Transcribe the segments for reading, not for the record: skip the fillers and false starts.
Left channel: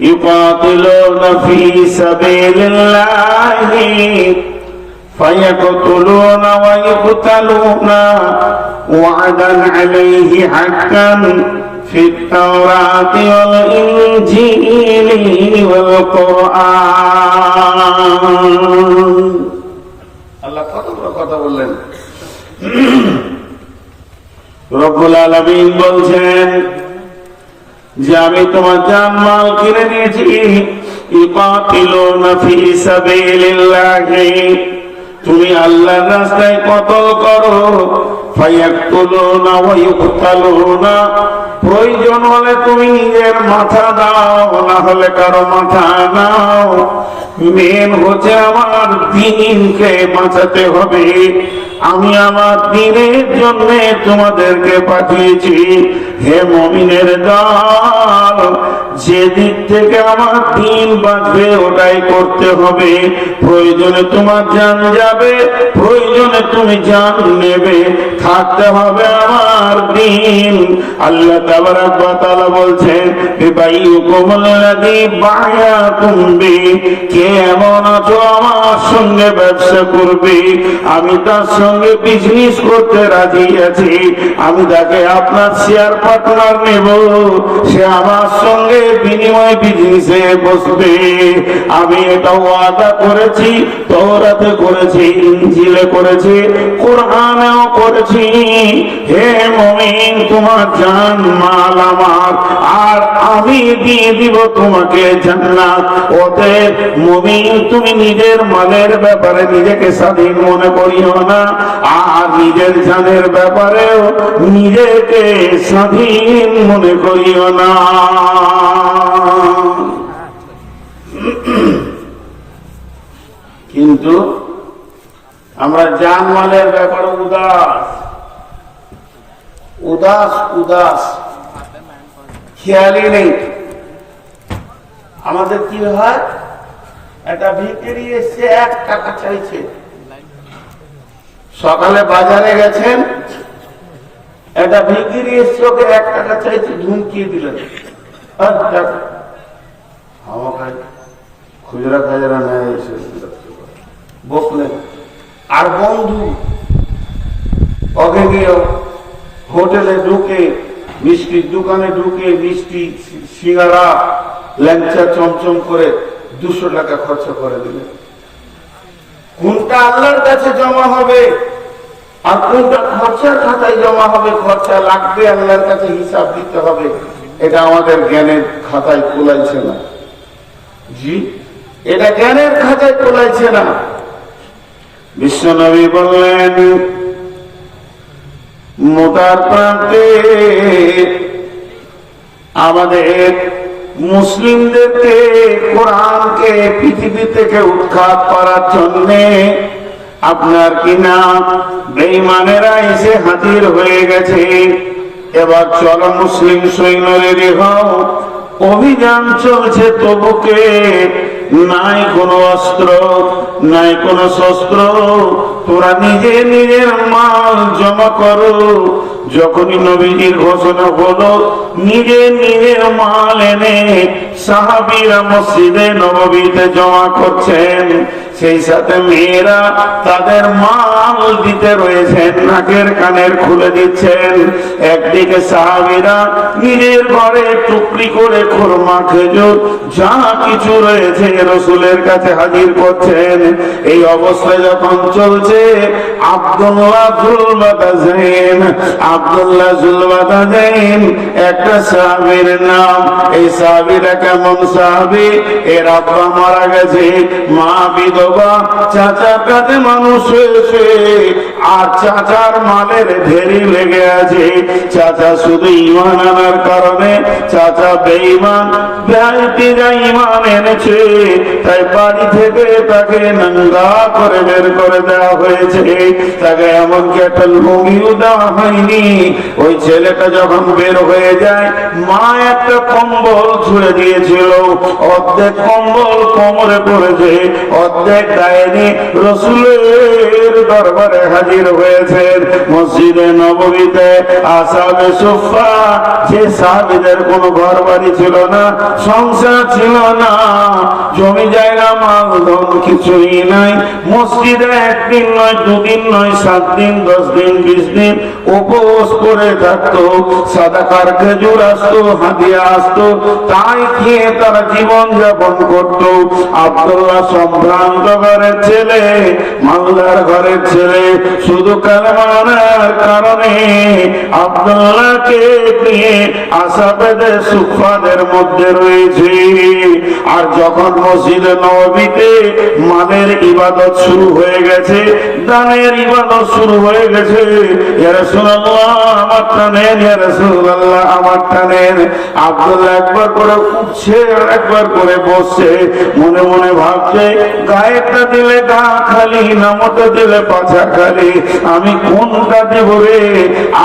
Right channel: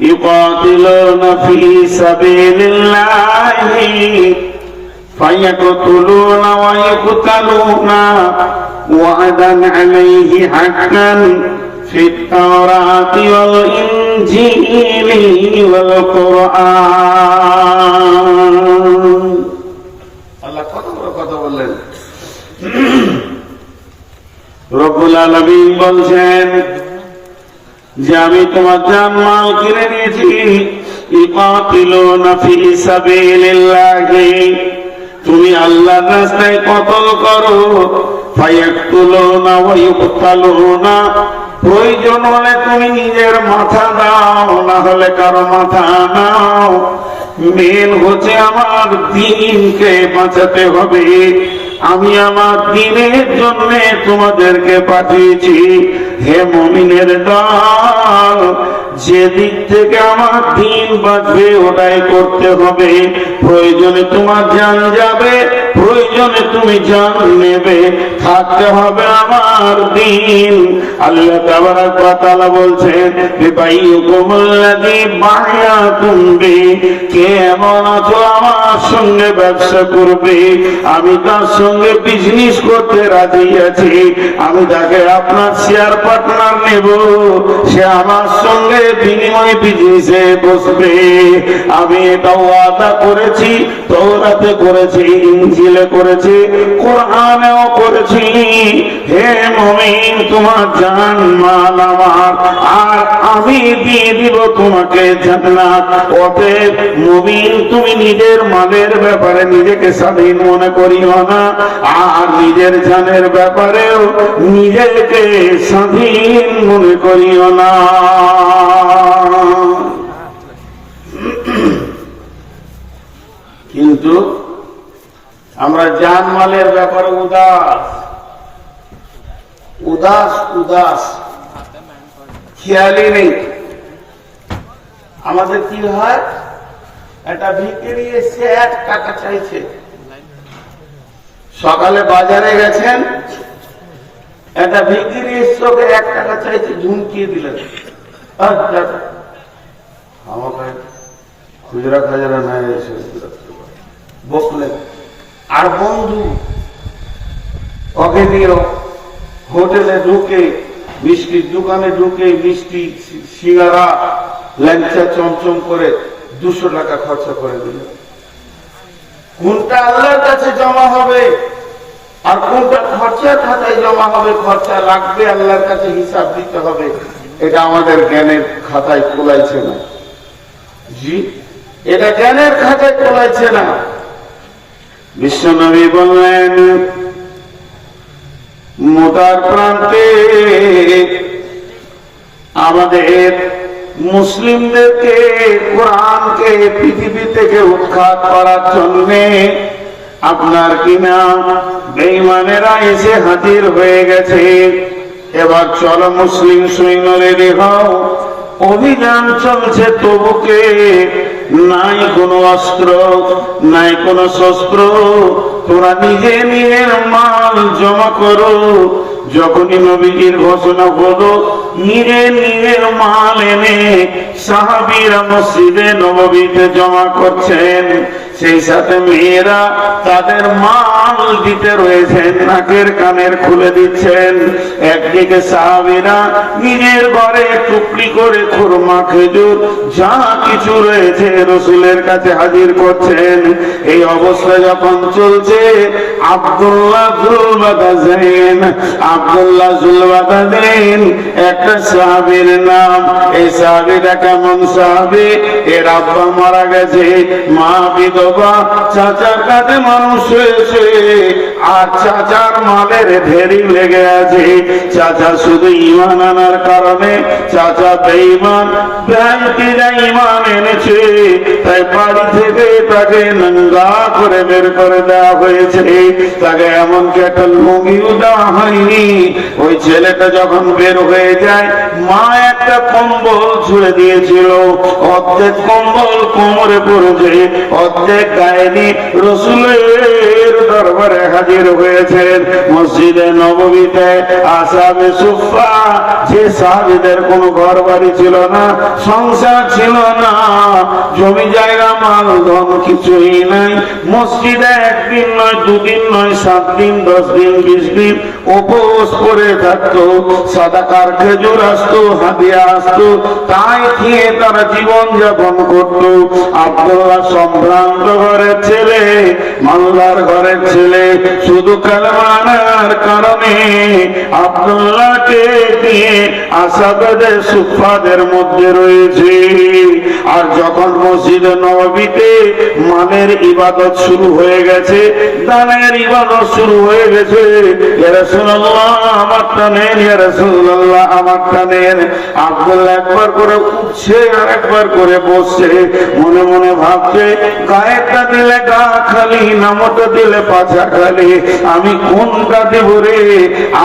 يقاتلون في سبيل الله فيقتلون ويقتلون وعدا عليه حقا في التوراة والإنجيل والقرآن الله কথা বললেন রব্বুল আলামিন বলছেন যে আমি তোমার জান মাল কিনে নিয়েছি ইকাতিলুনা ফি সাবিলিল্লাহি তুমি আল্লাহর রাস্তায় কতল করো ফায়াকতুলুনা ওয়া ইউকতালুনা প্রয়োজন হলে তুমি নিজের মাথা দাও না হলে কারো মাথা নাও মেন হচ্ছে আমার দ্বীনকে বাঁচাতে হবে আমি আমার দ্বীনের জন্য তোমাদেরকে পাঠিয়েছি হে মুমিনের দল যে দিক থেকে আমার দ্বীন বাঁচবে ওটাই করতে হবে প্রয়োজনে তোমার জান যাবে প্রয়োজনে তুমি জান নেবে থাকতে হবে আমার দ্বীন আল্লাহ তাবারাক ওয়া তাআলা বলছেন বিবাইয়ুকুমুল্লাযী বায়াতুম বি কে এমন আছো আমার সঙ্গে ব্যবসা করবে আমি তার সঙ্গে বিজনেস করতে রাজি আছি আমি তাকে আপনার শেয়ার পার্টনার নেব সে আমার সঙ্গে বিনিময় বিজনেসে বসবে আমি এটা ওয়াদা করেছি তাওরাতে করেছি ইনজিলে করেছি কোরআনেও করেছি হে মুমিন তোমার জান মাল আমার আর আমি দিয়ে দিব তোমাকে জান্নাত অতএব মুমিন তুমি নিজের মালের ব্যাপারে নিজেকে স্বাধীন মনে করিও না আর নিজের জানের ব্যাপারেও নিজেকে স্বাধীন মনে করিও না কিন্তু আমরা জান মালের ব্যাপারে উদাস খেয়ালই নেই আমাদের কি হয় একটা ভিখারি এসে 1 টাকা চাইছে সকালে বাজারে গেছেন একটা ভিখারি এসে ওকে 1 টাকা চাইছে ধুমকিয়ে দিলেন আমাকে খুচরা খাজরা না এসে বসলেন আর বন্ধু ওকে নিয়ে হোটেলে ঢুকে মিষ্টির দোকানে ঢুকে মিষ্টি সিঙ্গারা ল্যাংচা চমচম করে 200 টাকা খরচা করে দিল কোনটা আল্লাহর কাছে জমা হবে আর কোনটা খরচা খাতায় জমা হবে খরচা লাগবে আল্লাহর কাছে হিসাব দিতে হবে এটা আমাদের জ্ঞানের খাতায় তোলাইছে না জি এটা জ্ঞানের খাতায় তোলাইছে না বিশ্বনবী বললেন মোতার প্রান্তে আমাদের মুসলিমদেরকে কোরআনকে পৃথিবী থেকে উৎখাত করার জন্য আপনার কিনা বেঈমানেরা এসে হাজির হয়ে গেছে এবার চলো মুসলিম সৈন্য রেডি হও অভিযান চলছে তবুকে নাই কোনো অস্ত্র নাই কোনো শস্ত্র তোরা নিজে নিজের মাল জমা করো যখনই নবীজির ঘোষণা হলো নিজের নিজের মাল এনে সাহাবীরা মসজিদে নববীতে জমা করছেন সেই সাথে মেয়েরা তাদের মাল দিতে রয়েছেন নাকের কানের খুলে দিচ্ছেন একদিকে সাহাবীরা নিজের ঘরে টুকরি করে খুরমা খেজুর যা কিছু রয়েছে রাসূলের কাছে হাজির করছেন এই অবস্থা যখন চলছে আব্দুল্লাহ জুলবাদাইন একটা সাহাবীর নাম এই সাহাবীরা কেমন সাহাবী এর আব্বা মারা গেছে মা বিধবা চাচার কাছে মানুষ হয়েছে আর চাচার মালের ঢেরি লেগে আছে চাচা শুধু ঈমান আনার কারণে চাচা বেঈমান বেঈমান ঈমান এনেছে তাই বাড়ি থেকে তাকে নঙ্গা করে বের করে দেওয়া হয়েছে তাকে এমনকি একটা লুঙ্গিও দেওয়া হয়নি ওই ছেলেটা যখন বের হয়ে যায় মা একটা কম্বল ছুঁড়ে দিয়েছিল অর্ধেক কম্বল কোমরে পড়েছে অর্ধেক ডাইনি রাসূলের দরবারে হাজির হয়েছেন। মসজিদে নববীতে আসহাবে সুফফা, যে সাহাবীদের কোনো ঘর বাড়ি ছিল না, সংসার ছিল না, জমি জায়গা মাল ধন কিছুই নাই, মসজিদে একদিন নয়, দুদিন নয়, 7 দিন, 10 দিন, 20 দিন উপবাস করে থাকতো। সাদাকার খেজুর আসতো, হাদিয়া আসতো, তাই খেয়ে তারা জীবন যাপন করত। আব্দুল্লাহ সম্ভ্রান্ত ঘরের ছেলে, মালদার ঘরের ছেলে, শুধু কালেমার কারণে আব্দুল্লাহকে দিয়ে আসহাবে সুফফাদের মধ্যে রয়েছে। আর যখন মসজিদে নববীতে মালের ইবাদত শুরু হয়ে গেছে, দানের ইবাদত শুরু হয়ে গেছে, ইয়া রাসূলুল্লাহ আমারটা নেন, ইয়া রাসূলুল্লাহ আমারটা নেন, আব্দুল্লাহ একবার করে উঠছে আর একবার করে বসছে, মনে মনে ভাবছে গায়েরটা দিলে গা খালি, নামটা দিলে পাছা খালি, আমি কোনটা দেব রে?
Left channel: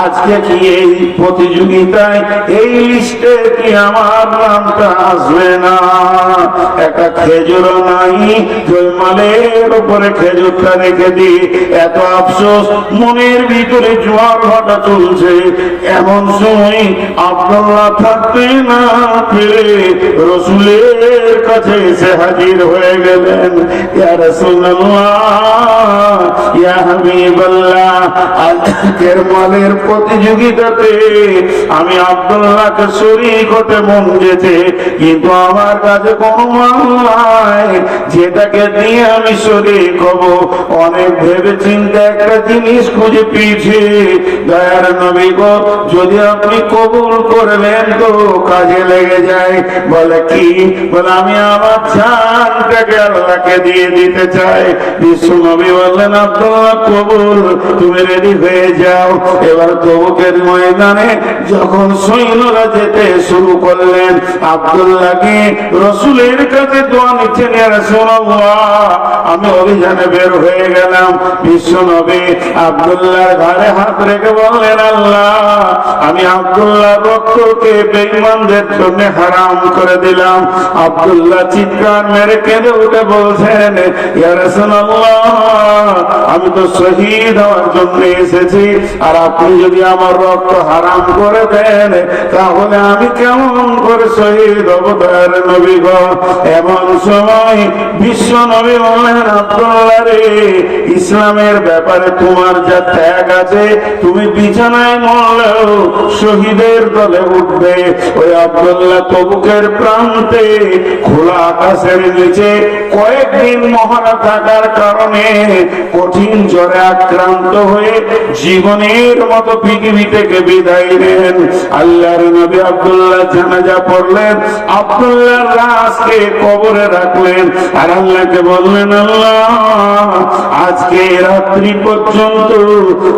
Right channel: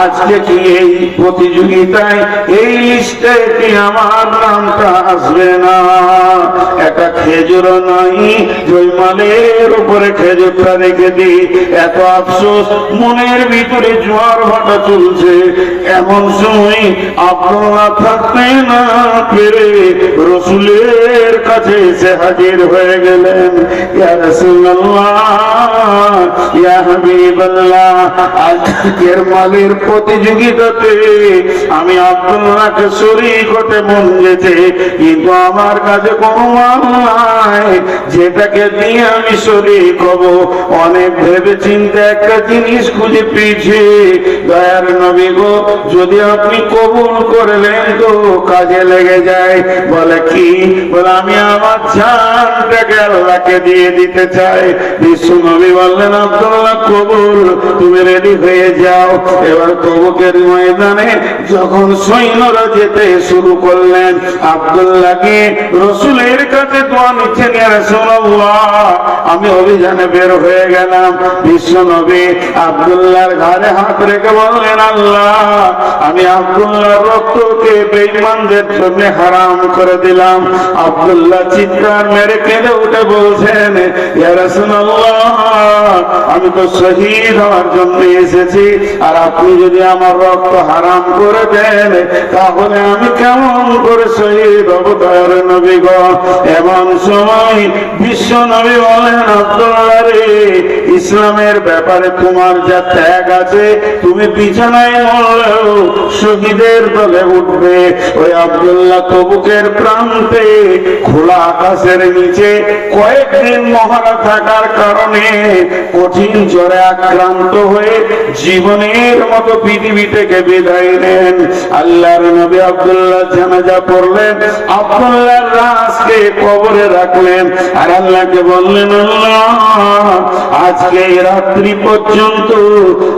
আজকে কি এই প্রতিযোগিতায় এই লিস্টে কি আমার নামটা আসবে না? একটা খেজুরও নাই, জয়মালের উপরে খেজুরটা রেখে দিই, এত আফসোস, মনের ভিতরে জোয়ার ভাটা চলছে। এমন সময় আব্দুল্লাহ থাকতে না পেরে রাসূলের কাছে এসে হাজির হয়ে গেলেন। ইয়া রাসূলুল্লাহ, ইয়া হাবিবাল্লাহ, আজকের মালের প্রতিযোগিতাতে আমি আব্দুল্লাহকে শরীক হতে মন যেতে, কিন্তু আমার কাছে কোনো মাল নাই যেটাকে দিয়ে আমি শরীক হব। অনেক ভেবে চিন্তে একটা জিনিস খুঁজে পেয়েছি, দয়ার নবী গো, যদি আপনি কবুল করলেন তো কাজে লেগে যায়। বলে কি? বলে আমি আমার জানটাকে আল্লাহকে দিয়ে দিতে চাই। বিশ্ব নবী বললেন আব্দুল্লাহ কবুল, তুমি রেডি হয়ে যাও। এবার তবুকের ময়দানে যখন সৈন্যরা যেতে শুরু করলেন, আব্দুল্লাহকে রাসূলের কাছে দোয়া নিচ্ছেন, ইয়া রাসূলুল্লাহ আমি অভিযানে বের হয়ে গেলাম। বিশ্ব নবী আব্দুল্লাহর ঘাড়ে হাত রেখে বললেন, আল্লাহ আমি আব্দুল্লাহর রক্তকে বেঈমানদের জন্য হারাম করে দিলাম। আব্দুল্লাহ চিৎকার মেরে কেঁদে উঠে বলছেন, ইয়া রাসূলুল্লাহ আমি তো শহীদ হওয়ার জন্য এসেছি, আর আপনি যদি আমার রক্ত হারাম করে দেন তাহলে আমি কেমন করে শহীদ হব? দয়ার নবী গো। এমন সময় বিশ্ব নবী বলেন, আব্দুল্লাহ রে, ইসলামের ব্যাপারে তোমার যা ত্যাগ আছে, তুমি বিছানায় মরলেও শহীদের দলে উঠবে। ওই আব্দুল্লাহ তবুকের প্রান্তে খোলা আকাশের নিচে কয়েকদিন মহারা থাকার কারণে কঠিন জ্বরে আক্রান্ত হয়ে জীবনের মতো পৃথিবী থেকে বিদায় নেন। আল্লাহর নবী আব্দুল্লাহ জানাজা পড়লেন, আব্দুল্লাহর লাশকে কবরে রাখলেন, আর আল্লাহকে বললেন, আল্লাহ আজকে রাত্রি পর্যন্ত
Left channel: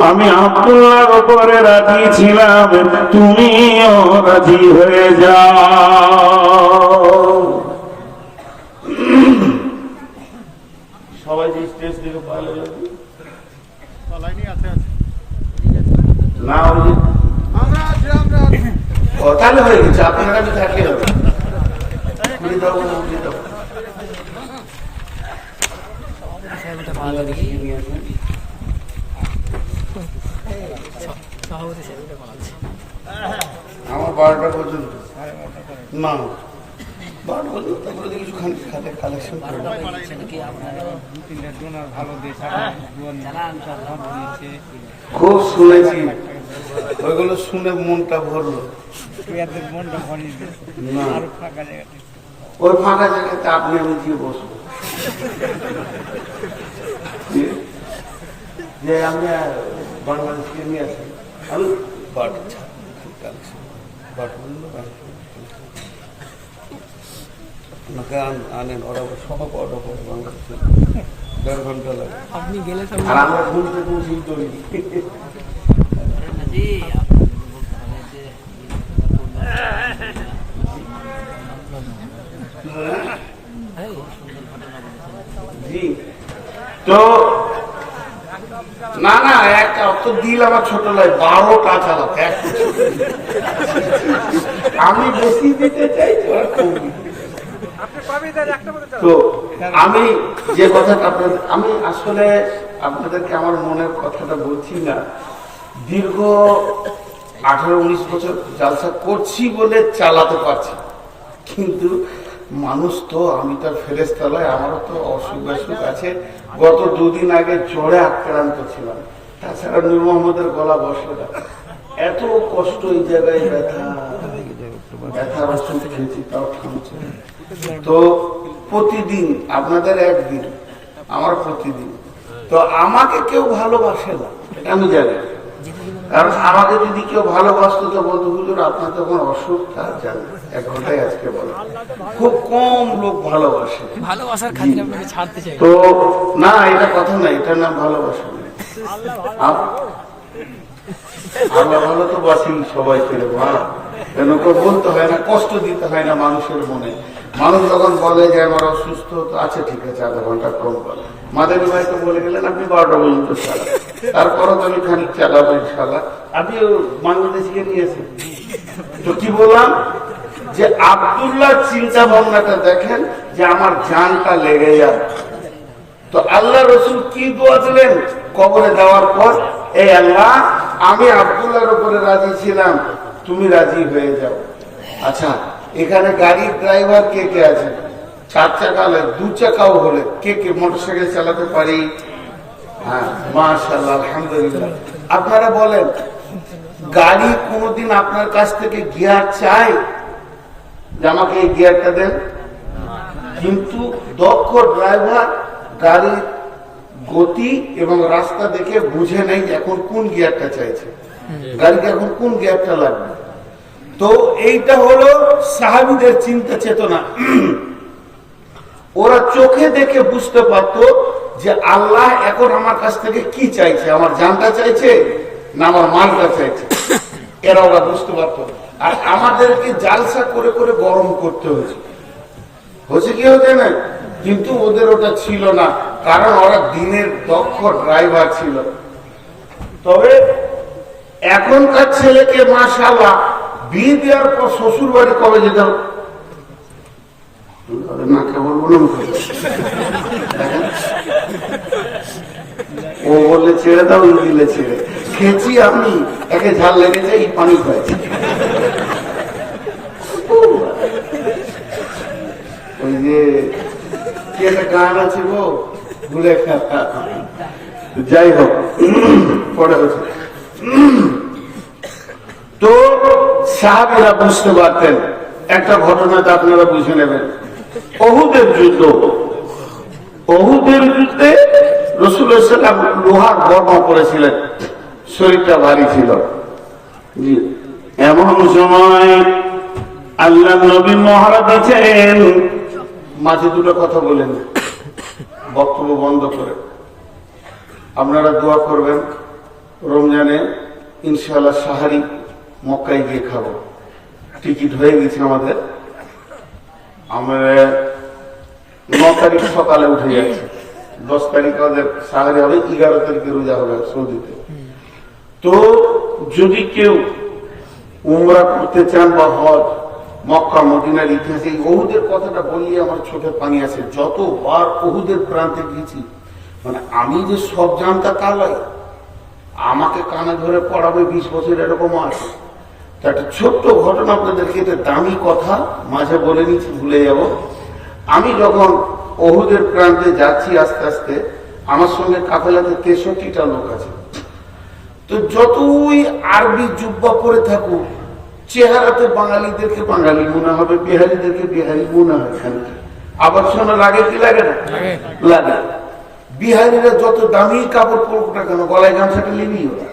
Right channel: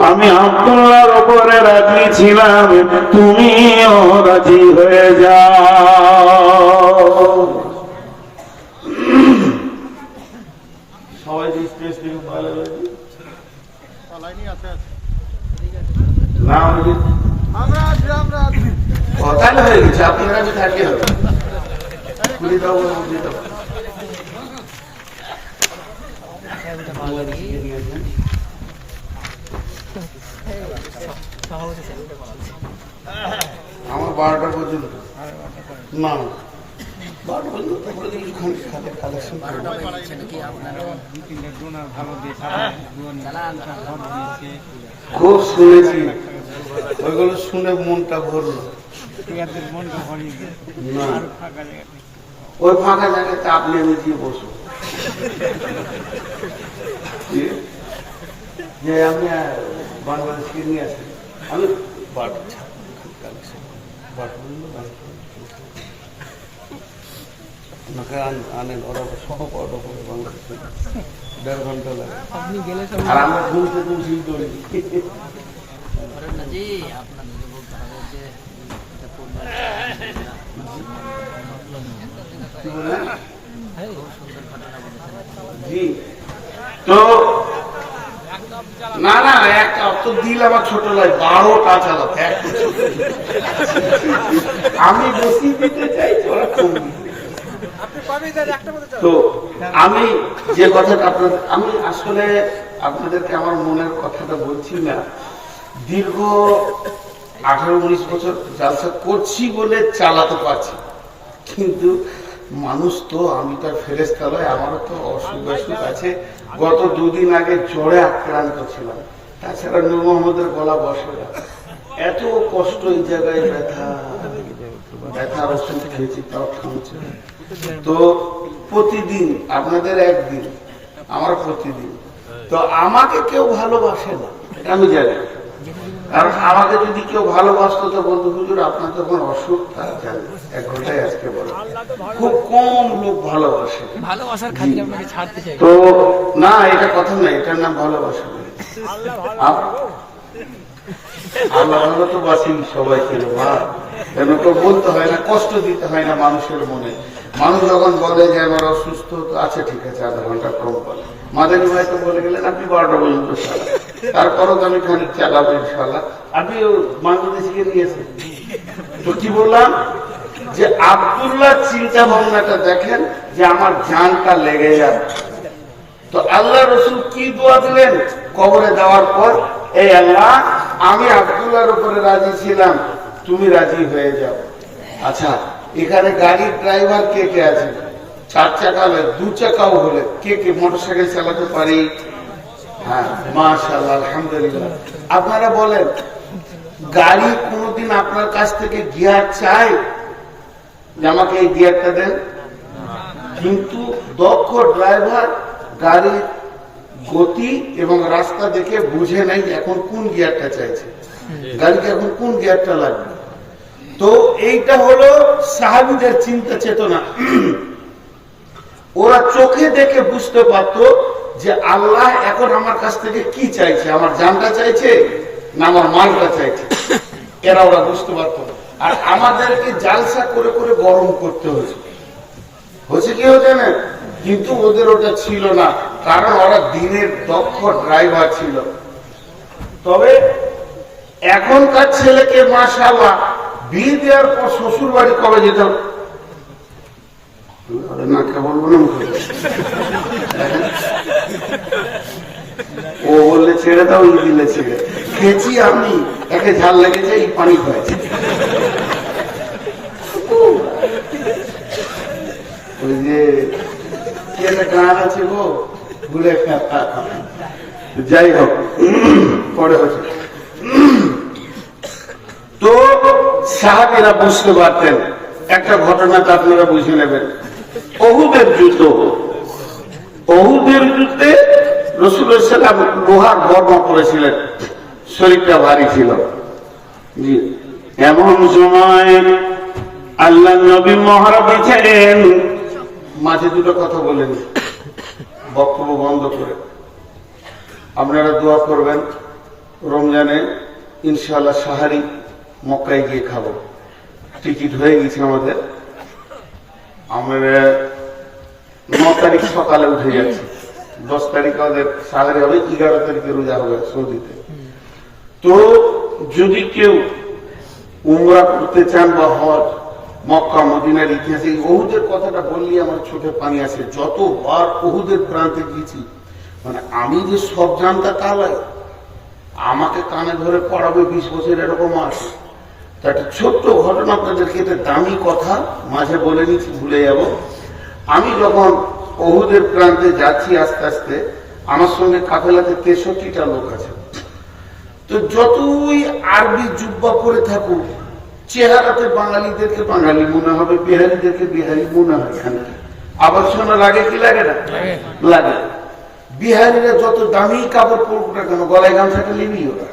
আমি আব্দুল্লাহর উপরে রাখিছিলাম, তুমিও রাজি হয়ে যাও। সবাই যে স্টেজ থেকে পাইলে না কথা হয়ে গেছে, আপনার কাছে থাকে হবে খুলে দাও, খুলে দাও। বাংলাদেশে নিয়ে আসেন আমার 12টা পর্যন্ত না, 12টা পর্যন্ত তারপরে কিছু খাতে কালেকশন খুব শুনেছি, ওইগুলো শুনে মনটা ভরলো। না ওই ফাঁকা জায়গাতে আপনি আমি দিয়ে বসুন, যে আপনি বাংলাদেশকে নিয়ে আসেন, আমি আনেন, ওরা সহ পাওয়াটা পরে বাংলাদেশে 1.5 ঘন্টা লাগে, আর আমরা ঘুমতে পৌঁছেই দৌড়ি। জি তো না না, একটা তো দিল আমার ছোট লাগে, 12টা চালাতে আমি বেশি দিতে চাই, ওরা কম দিতে। তো আমি যে কথাটা আপনাদের, আমি আসলে আপনাদেরকে আমার মনের কথাটা বলছি না। দীর্ঘ 18-19 বছর জালসা করছি বলে চালাতে পারছি, কিন্তু মানুষ তো, আমি তার ফেরেশতা নয়, আমারও তো অসুখ বিসুখ আছে। গত 2 দিন আগে জ্বরে আক্রান্ত ছিলাম, তাছাড়া নূর মোহাম্মদের গলা বসে না, এত কষ্ট, এই জায়গায় ব্যথার ওষুধ খেয়েছি তাও থামছে। তো প্রতিদিন আপনাদের একদিন, আমার প্রতিদিন। তো আমাকে কেউ ভালোবাসে না, এটা আমি জানি। কারণ আমাকে যদি কেউ ভালোবাসতো তো বলতো, হুজুর আপনার তখন অসুখ, তা জানি, 1 ঘন্টায় আজকে বলো। খুব কম লোক ভালোবাসে। তো না, এটা কথা নাই, এটার নাম ভালোবাসা। আল্লাহ ভালো তো বাসি সবাই পেলে, বলতে হয় না, কষ্ট দিতে হয় না মানুষের মনে। মানুষ যখন বলে যে আমার অসুস্থ, তো আছে ঠিক আছে, 1/2 ঘন্টা কম বলে। মাদানী ভাই তো বলে গেলেন আপনি 12টা পর্যন্ত চালান, তারপরও তো আমি খানিক চালাবো ইনশাল্লাহ। আপনি বাংলাদেশিকে নিয়েছেন তো কি বললাম, যে আব্দুল্লাহ চিন্তা ভাবনাটা দেখেন, যে আমার জানটা লেগে যায়। তো আল্লাহ রসুল কি দোয়া দিলেন কবরে দেওয়ার পর, এই আল্লাহ, আমি আব্দুল্লাহর উপরে রাজি ছিলাম, তুমি রাজি হয়ে যাও। আচ্ছা, এখানে গাড়ির ড্রাইভার কে কে আছে? 4 চাকা হলে, 2 চাকাও হলে, কে কে মোটরসাইকেল চালাতে পারি? হ্যাঁ, মাশাআল্লাহ, আলহামদুলিল্লাহ। আপনারা বলেন, গাড়ি কোনদিন আপনার কাছ থেকে গিয়ার চাই যে আমাকে এই গিয়ারটা দেন? কিন্তু দক্ষ ড্রাইভার গাড়ির গতি এবং রাস্তা দেখে বুঝে নাই এখন কোন গিয়ারটা চাইছে, গাড়িকে এখন কোন গিয়ারটা লাগবে। তো এইটা হলো সাহাবীদের চিন্তা চেতনা। ওরা চোখে দেখে বুঝতে পারতো যে আল্লাহ এখন আমার কাছ থেকে কি চাইছে, আমার জানটা চাইছে না আমার মালটা চাইছে, এরা ওরা বুঝতে পারতো। আর আমাদেরকে জালসা করে করে গরম করতে হয়েছে, কি হচ্ছে না? কিন্তু ওদের ওটা ছিল না, কারণ ওরা দিনের দক্ষ ড্রাইভার ছিল। তবে এখনকার ছেলেকে মাশাআল্লাহ বিয়ে দেওয়ার পর শ্বশুর বাড়ি কবে যেতে হবে না, কেবল ও বললে ছেড়ে দাও, ওই দিলে ছেড়ে খেয়েছি, আপনি একে ঝাল লেগেছে, এই পানি খাইছে। ওই যে কে গান আছে গো, ভুলে যাই হোক, পরে হচ্ছে। তো সাহাবীরা বুঝতে পারতেন। একটা ঘটনা তো আপনারা বুঝে নেবেন, ওহুদের যুদ্ধ। ওহুদের যুদ্ধে রাসূলুল্লাহ সাল্লাল্লাহু আলাইহি ওয়াসাল্লাম লোহার বর্মা পরেছিলেন, শরীরটা ভারী ছিল। এমন সময় আল্লাহ নবী মহড়া বেঁচেন, মাঝে 2টো কথা বলেন, বক্তব্য বন্ধ করে। আপনারা দোয়া করবেন, রমজানে ইনশাআল্লাহ সাহারি মক্কায় গিয়ে খাবো, টিকিট হয়ে গেছে আমাদের। আমরা 9 তারিখ সকালে উঠে যাচ্ছি, 10 তারিখ আমাদের সাহারি হবে, 11 তারিখে রোজা হবে সৌদিতে। তো যদি কেউ উমরা করতে চান বা হজ, মক্কা মদিনার ইতিহাসে ওহুদের কথাটা বললে আমার চোখে পানি আসে। যতবার ওহুদের প্রান্তে গেছি, মানে আমি যে সব জানতা তা নয়, আমাকে কানে ধরে পড়াবে 20 বছর এরকম আছে। তা একটা ছোট্ট ঘটনা আপনাদেরকে, এটা দামি কথা, মাঝে বলে নিচ্ছি, ভুলে যাব। আমি যখন ওহুদের প্রান্তে যাচ্ছি আস্তে আস্তে, আমার সঙ্গে কাফেলাতে 63টা লোক আছে। তো যতই আরবি জুব্বা পরে থাকুক, চেহারাতে বাঙালিদেরকে বাঙালি মনে হবে, বিহারিদেরকে বিহারি মনে হয়। আবার শোনা লাগে কি লাগে না? লাগে। বিহারিরা যত দামি কাপড় পরুক না কেন, গলায় গামছাটা নিবি ওরা,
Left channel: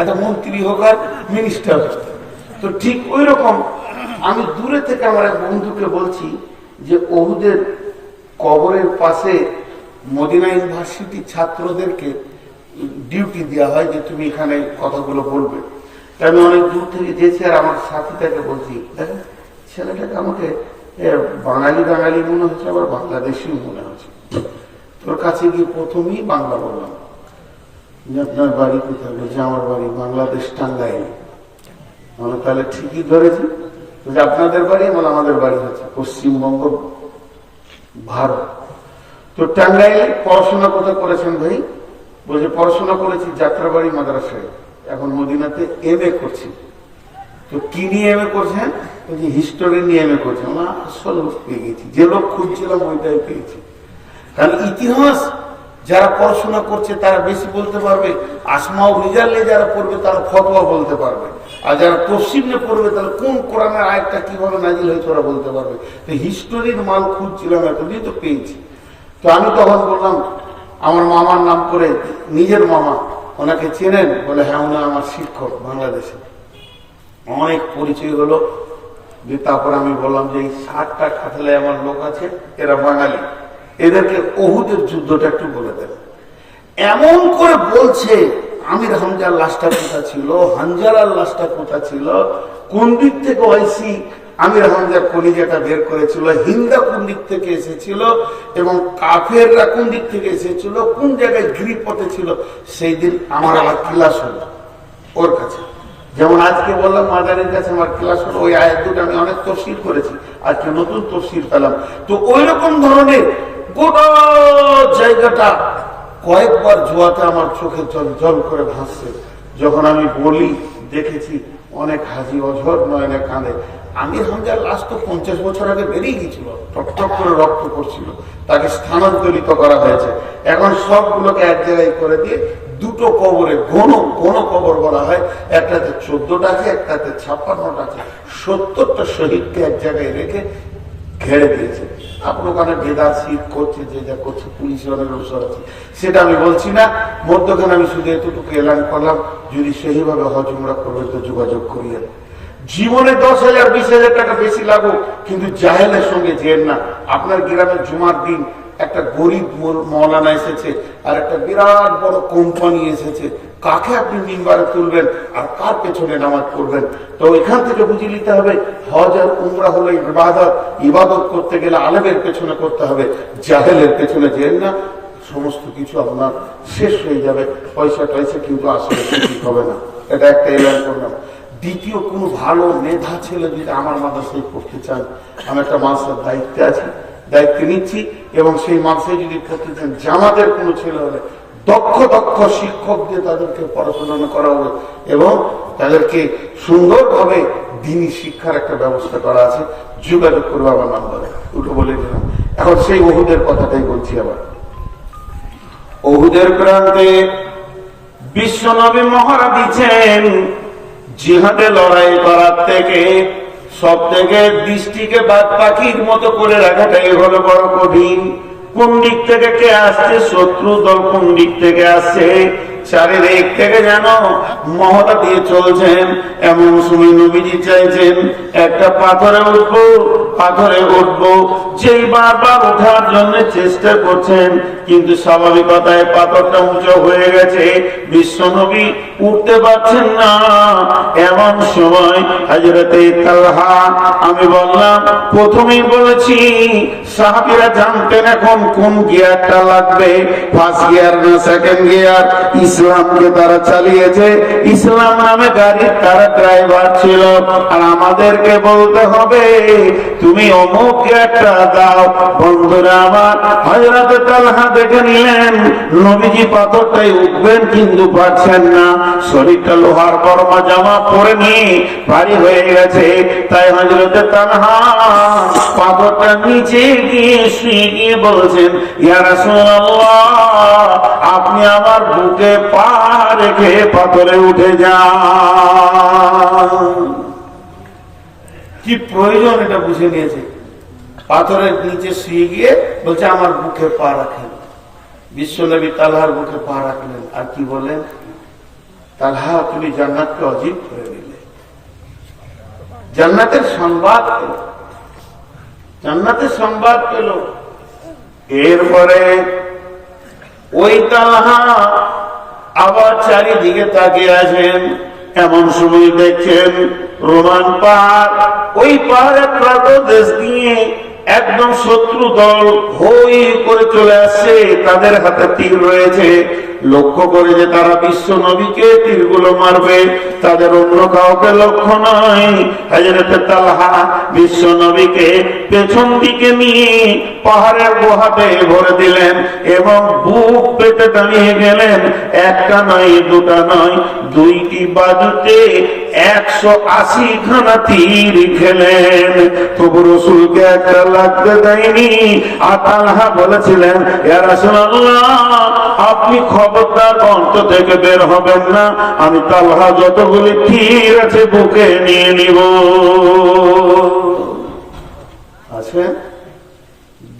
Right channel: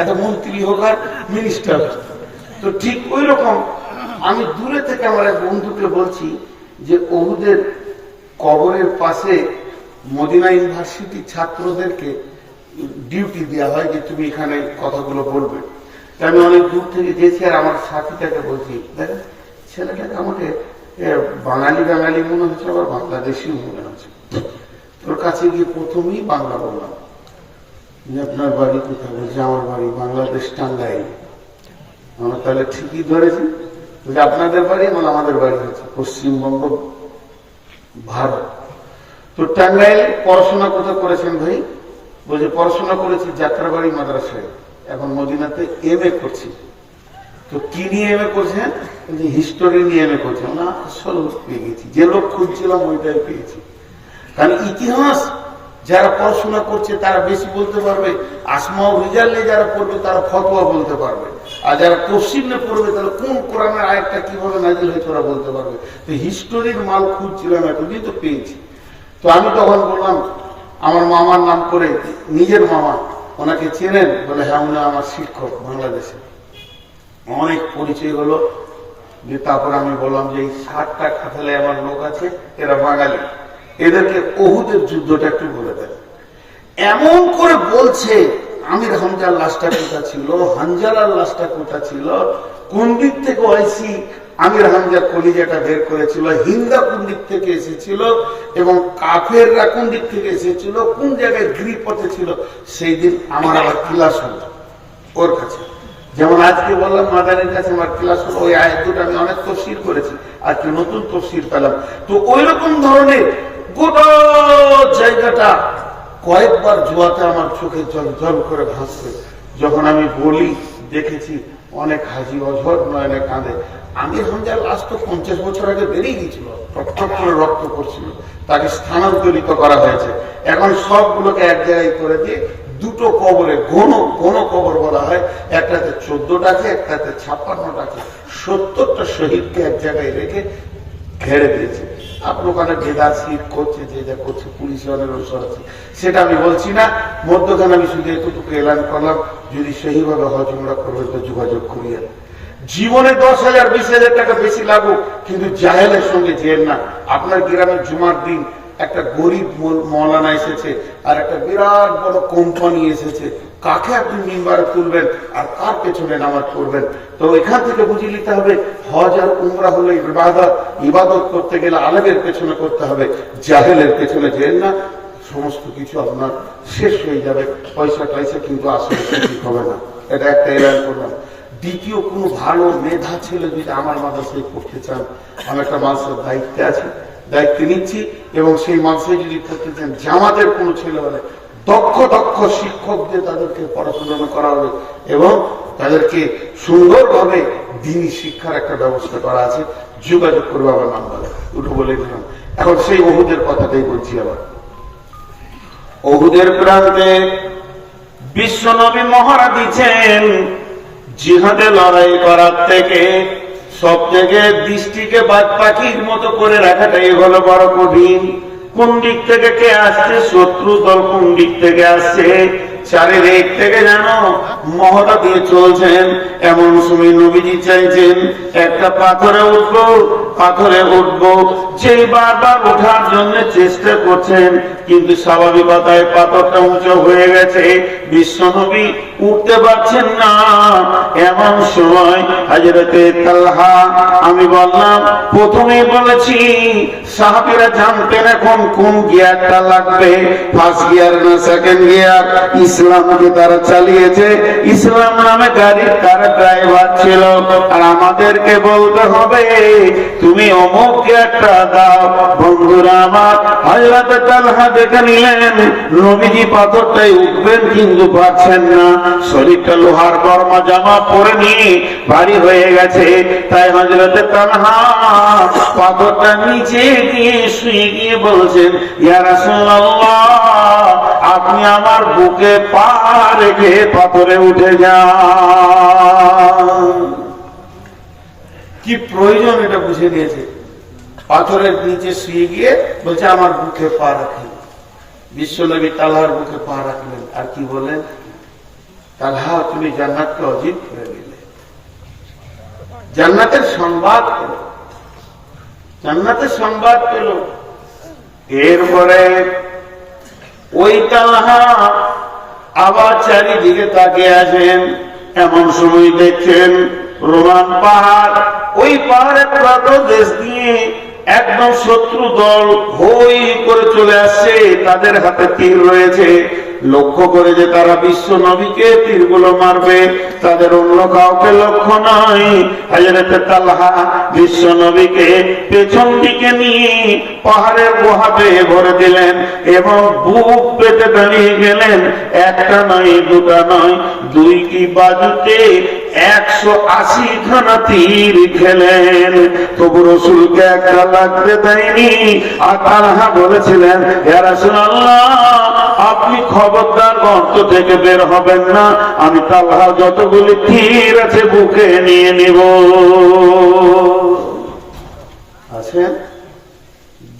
এত মন্ত্রী হোক আর মিনিস্টার। তো ঠিক ওই রকম আমি দূরে থেকে আমার এক বন্ধুকে বলছি যে ওহুদের কবরের পাশে মদিনা ইউনিভার্সিটি ছাত্রদেরকে ডিউটি দেওয়া হয় যে তুমি এখানে কথাগুলো বলবে। আমি অনেক দূর থেকে যেছি, আর আমার সাথীটাকে বলছি, দেখেন ছেলেটাকে আমাকে বাঙালি বাঙালি মনে হচ্ছে, আবার বাংলাদেশিও মনে হচ্ছে। তোর কাছে গিয়ে প্রথমেই বাংলা বললাম যে আপনার বাড়ি কোথায়? বলছে আমার বাড়ি বাংলাদেশ, টাঙ্গাইল। মানে তাহলে ঠিকই ধরেছি, আপনাদের বাড়ি, মানে আমাদের বাড়ি হচ্ছে পশ্চিমবঙ্গ ভারত। তো টাঙ্গাইল পড়াশোনা কোথায় করেছেন ভাই? বলছে পড়াশোনা করেছি যাত্রাবাড়ি মাদ্রাসায়, এখন মদিনাতে MA করছি। তো কি নিয়ে MA করছেন? বলছে হিস্টোরি নিয়ে MA করছেন। না, আসল পেয়ে গেছি, যে লোক খুঁজছিলাম ওইটাই পেয়েছি। কারণ ইতিহাস যারা পড়াশোনা করছে তারা বেশি বলতে পারবে, আসমাও রিজাল নিয়ে যারা পড়বে তারা ফতোয়া বলতে পারবে, আর যারা তফসির নিয়ে পড়বে তাহলে কোন কোরআনের আয়াতটা কিভাবে নাজিল হয়েছে ওরা বলতে পারবে। তো হিস্টোরির মাল খুঁজছিলাম, এতদিন তো পেয়েছি। তো আমি তখন বললাম আমার মামার নাম করে, নিজের মামা, ওনাকে চেনেন? বলে হ্যাঁ, উনি আমার শিক্ষক বাংলাদেশে। অনেক পরিচয় হলো। যে তারপর আমি বললাম যে এই 60টা খাতলে আমার লোক আছে, এরা বাঙালি, এদেরকে ওহুদের যুদ্ধটা একটু বলে দেন। এমন করে বলছে আমির হামজার লাশটা কোথা ছিল, হানজালার লাশটা কোথা ছিল, কোন দিক থেকে ওয়াইসি আমির হামজার কলিজাটা বের করেছিল, হিন্দা কোন দিক থেকে এসেছিল, এবং কাফেররা কোন দিক থেকে এসেছিল, কোন জায়গায় গিরিপথে ছিল। সেই দিন আমার আবার ক্লাস হলো ওর কাছে। যেমন আজকে বললাম মাদানের কাছে আমার ক্লাস হলো, ওই আয়াত দুটো আমি অনেক তফসির করেছি, আজকে নতুন তফসির পেলাম। তো ওই রকম ধরনের গোটা জায়গাটা কয়েকবার জোয়াতে আমার চোখে জল জল করে ভাসছে। যখন আমি বলি দেখেছি অনেক হাজি অঝর নয়নে কাঁদে। আমির হামজার লাশ তো 50 বছর আগে বেরিয়ে গিয়েছিল, টকটক করে রক্ত করছিল, তাকে স্থানান্তরিত করা হয়েছে। এখন সবগুলোকে এক জায়গায় করে দিয়ে দুটো কবরে, ঘন কবর বলা হয়, একটাতে 14টা আছে, একটাতে 56টা আছে, 70টা শহীদকে এক জায়গায় রেখে ঘেরে দিয়েছে। আপনার ওখানে ভেদার শীত করছে, যে যা করছে, পুলিশের অনেক অনুসর আছে, সেটা আমি বলছি না। মধ্যখানে আমি শুধু এতটুকু এলান করলাম, যদি সেইভাবে হজ উমরা করবে তো যোগাযোগ করিয়ে। জীবনে 10,000 20,000 টাকা বেশি লাগুক, কিন্তু জাহেলের সঙ্গে যেন না। আপনার গ্রামের জুমার দিন একটা গরিব মৌলানা এসেছে, আর একটা বিরাট বড় কোম্পানি এসেছে, কাকে আপনি মিম্বারে তুলবেন আর কার পেছনে নামাজ পড়বেন? তো এখান থেকে বুঝে নিতে হবে হজ আর উমরা হলো ইবাদত। ইবাদত করতে গেলে আলেমের পেছনে করতে হবে, জাহেলের পেছনে যেন না। সমস্ত কিছু আপনার শেষ হয়ে যাবে, পয়সা টয়সা কিন্তু আসলে ঠিক হবে না। এটা একটা এলান করলাম। দ্বিতীয়, কোনো ভালো মেধা ছেলে যদি আমার মাদ্রাসায় পড়তে চান, আমি একটা মাদ্রাসার দায়িত্বে আছি, দায়িত্ব নিচ্ছি, এবং সেই মাদ্রাসায় যদি পড়তে চান, জামাতের কোনো ছেলে হলে দক্ষ শিক্ষক দিয়ে তাদেরকে পড়াশোনা করা হবে, এবং তাদেরকে সুন্দরভাবে দিনী শিক্ষার একটা ব্যবস্থা করা আছে। যোগাযোগ করবে আমার নাম্বারে, উঠে বলে দিলাম। এখন সেই ওহুদের কথাটাই বলছি। আবার ওহুদের প্রান্তে বিশ্বনবী মহড়া দিচ্ছেন, জিহাদে লড়াই করার থেকে সব থেকে দৃষ্টিকে বাদ পাখির মতো করে রাখাটাই হলো বড় কঠিন। কোন দিক থেকে কে আসছে, শত্রু দল কোন দিক থেকে আসছে, চারিদিক থেকে যেন মহড়া দিয়ে চলছেন। এমন সময় নবীজি চাইছেন একটা পাথরে উঠবো, যেই বারবার ওঠার জন্য চেষ্টা করছেন, কিন্তু স্বাভাবিকতায় পাথরটা উঁচু হয়ে গেছে, বিশ্বনবী উঠতে পারছেন না। এমন সময় হযরতে তালহা, আমি বললাম প্রথমেই বলেছি সাহাবীরা জানতেন এখন কোন গিয়ারটা লাগবে, ফার্স্ট গিয়ার না সেকেন্ড গিয়ার। ইসলামকে তারা চালিয়েছে, ইসলাম নামে গাড়ির তারা ড্রাইভার ছিল, আর আমাদেরকে বলতে হবে তুমি অমুক গিয়ারটা দাও। বন্ধুরা আমার, হযরতে তালহা দেখে নিলেন নবীজি পাথরটাই উঠবেন, কিন্তু পারছেন না। শরীরটা লোহার বর্মা জামা পরে নিয়ে ভারী হয়ে গেছে, তাই হযরতে তালহা পাথরটা নিচে গিয়ে শুয়ে গিয়ে বলছেন, ইয়া রাসূলুল্লাহ, আপনি আমার বুকে পা রেখে পাথরে উঠে যান। কি প্রয়োজন এটা বুঝে নিয়েছে। পাথরের নিচে শুয়ে গিয়ে বলছে আমার বুকে পা রাখেন। বিশ্বনবী তালহার বুকে পা রাখলেন, আর কি বলেন, তালহা তুমি জান্নাতকে অজিব করে দিলে। জান্নাতের সংবাদ পেল, জান্নাতের সংবাদ পেল। এরপরে ওই তালহা আবার চারিদিকে তাকিয়ে আছেন। এমন সময় দেখছেন রোমান পাহাড়, ওই পাহাড়ের দেশ দিয়ে একদম শত্রু দল হই করে চলে আসছে, তাদের হাতে তীর রয়েছে। লক্ষ্য করে যে তারা বিশ্ব নবীকে তীরগুলো মারবে, তাদের অন্য কাউকে লক্ষ্য নয়। হযরত তালহা বিশ্ব নবীকে পেছন দিকে নিয়ে পাহাড়ের গুহাতে ভরে দিলেন এবং বুক পেতে দাঁড়িয়ে গেলেন। একটা নয়, দুটা নয়, দুইটি বাজুতে 180 খানা তীর খেলেন, তবু রাসূলকে একটা লাগতে দেয়নি। আর তালহা বলেছিলেন, ইয়া রাসূলুল্লাহ, আপনি খবরদার গর্ত থেকে বের হবেন না, আমি তালহা যতগুলি তীর আছে বুকে নিয়ে নিব। আছে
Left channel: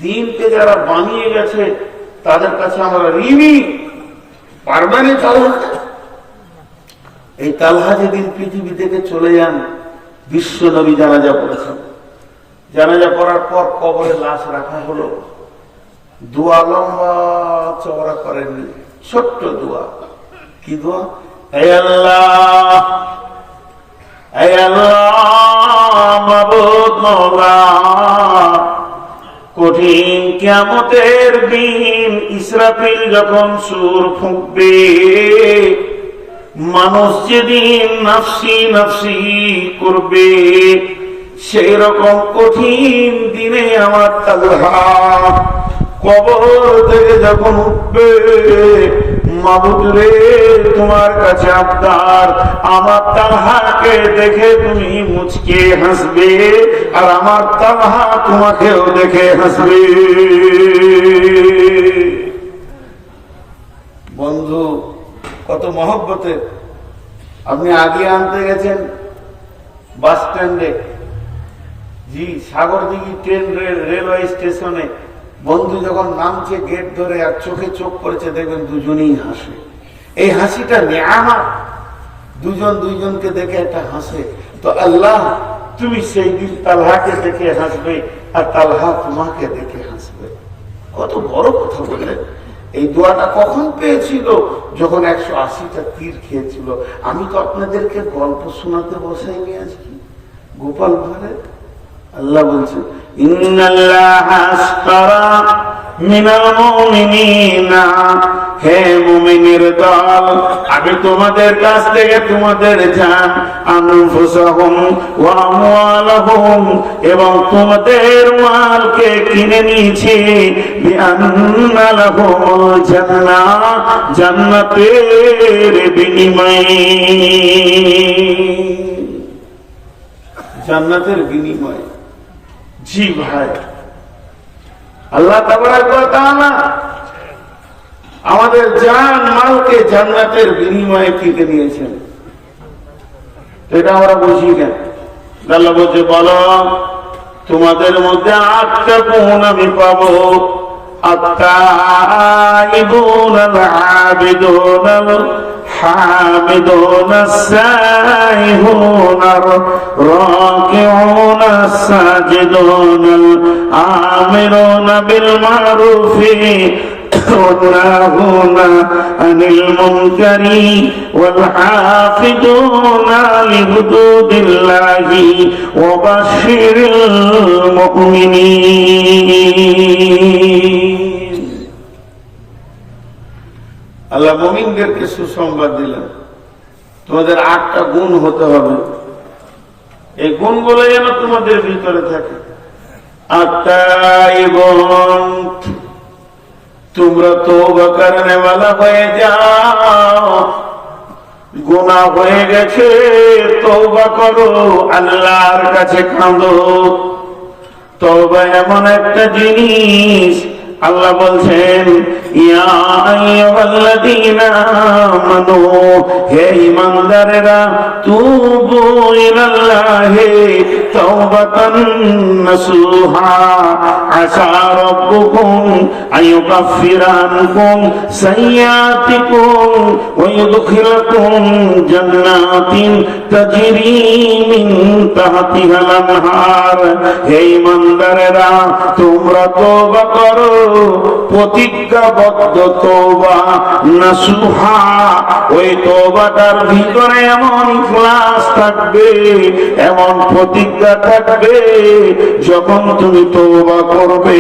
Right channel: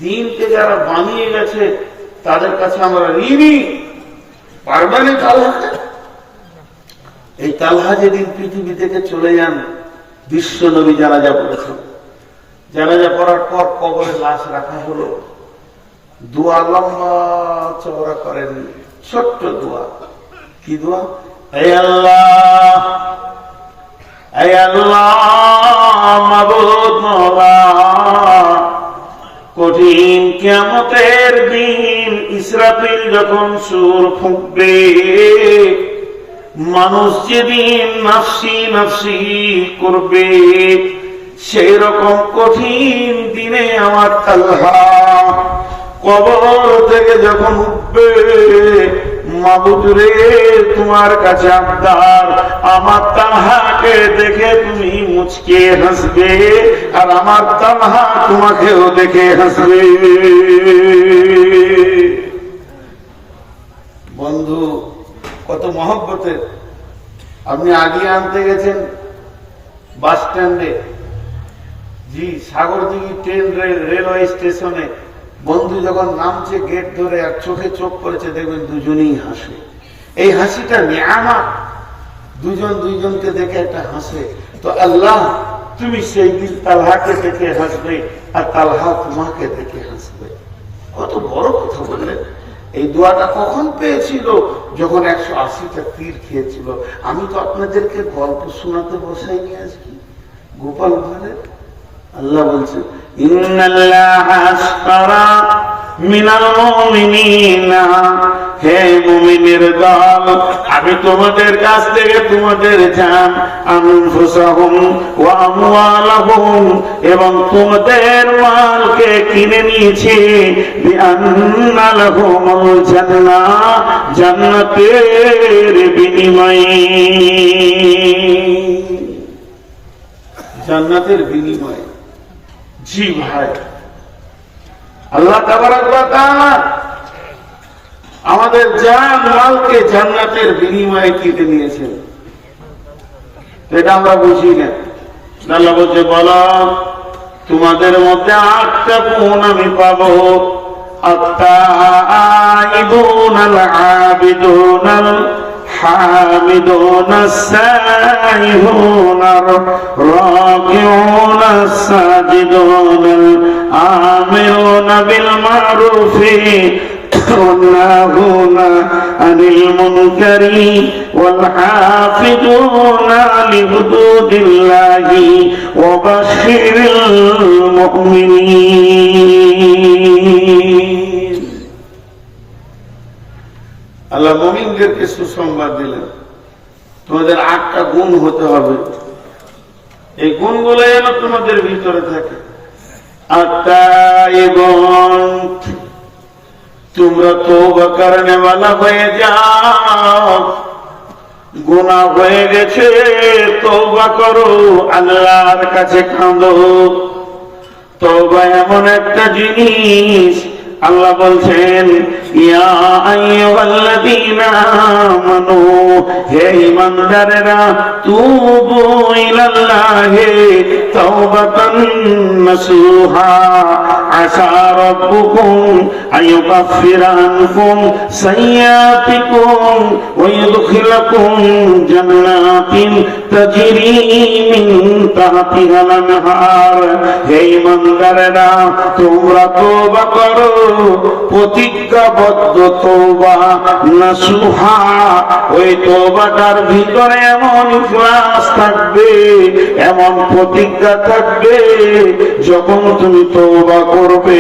দিনকে যারা বানিয়ে গেছে তাদের কাছে আমরা ঋণী, পারবেন তালহাকে? এই তালহা যেদিন পৃথিবী থেকে চলে যান, বিশ্ব নবী জানাজা পড়েছেন। জানাজা পড়ার পর কবরে লাশ রাখা হলো। দোয়া লম্বা চওড়া করেননি, ছোট্ট দোয়া। কি দোয়া? হে আল্লাহ, হে আল্লাহ, মাবুদ মওলা, কঠিন কিয়ামতের দিন ইসরাফিল যখন সুর ফুঁকবে, মানুষ যেদিন নাফসি নাফসি করবে, সেই রকম কঠিন দিনে আমার তালহা কবর থেকে যখন উঠবে, মাবুদ রে, তোমার কাছে আবদার, আমার তালহাকে দেখে তুমি মুচকে হাসবে, আর আমার তালহা তোমাকেও দেখে হাসবে। বন্ধু, কত মহব্বতের। আপনি আগে আনতে গেছেন বাস স্ট্যান্ডে, জি সাগরদিঘি ট্রেন রেলওয়ে স্টেশনে, বন্ধু যখন নামছে গেট ধরে আর চোখে চোখ পড়েছে, দেখবেন দুজনেই হাসে। এই হাসিটা নিয়ামত, দুজন দুইজনকে দেখে একটা হাসে। তো আল্লাহ, তুমি সেই দিন তালহাকে দেখে হাসবে আর তালহা তোমাকে দেখে হাসবে। কত বড় কথা বললেন। এই দোয়াটা কখন পেয়েছিল? যখন 180টা তীর খেয়েছিল। আমি তো আপনাদেরকে গল্প শোনাতে বসাইনি আজকে গোপাল ভাঁড়ের। আল্লাহ বলছে, ইন্নাল্লাহা আশতারা মিনাল মুমিনিনা, হে মুমিনের দল, আমি তোমাদের কাছ থেকে তোমাদের জান, আনফুসাহুম ওয়া আমওয়ালাহুম, এবং তোমাদের মালকে কিনে নিয়েছি, বিআন্না লাহুমুল জান্নাহ, জান্নাতের বিনিময়ে, জান্নাতের বিনিময়ে। জি ভাই, আল্লাহ তাবারাক ওয়া তাআলা আমাদের জান মালকে জান্নাতের বিনিময়ে কিনে নিয়েছেন। এটা আমরা বুঝি না। আল্লাহ বলছে, বলো তোমাদের মধ্যে 8টা গুণ আমি পাবো, আত-তাইবুন আল-আবিদুন الحامدون السائحون الراكعون الساجدون الآمرون بالمعروف والناهون عن المنكر والحافظون لحدود الله وبشر المؤمنين. আল্লাহ মুমিনদেরকে সুসংবাদ দিলেন, তোমাদের 8টা গুণ হতে হবে। এই গুণগুলো যেন তোমাদের ভিতরে থাকে। 8টা গুণ, তোমরা তওবা করনে ওয়ালা হয়ে যাও। গুনাহ হয়ে গেছে, তওবা করো, আল্লাহর কাছে কাঁদো। তওবা এমন একটা জিনিস, আল্লাহ বলছেন, ইয়া আইয়ুহাল্লাযীনা আমানু, হে ঈমানদারেরা, তুবু ইলাল্লাহি তাওবাতান নাসুহা, আসা রাব্বুকুম আইয়ুকাফিরা আনকুম সাইয়্যাতিকুম ওয়া ইউদখিলাকুম জান্নাতিন তাজরি মিন তাহতিহাল আনহার। হে ঈমানদারেরা, তোমরা তওবা করো, প্রতিজ্ঞাবদ্ধ তওবা, নাসুহা, ওই তওবাটার ভিতরে এমন ইখলাস থাকবে, এমন প্রতিজ্ঞা থাকবে, যখন তুমি তওবা করো করবে,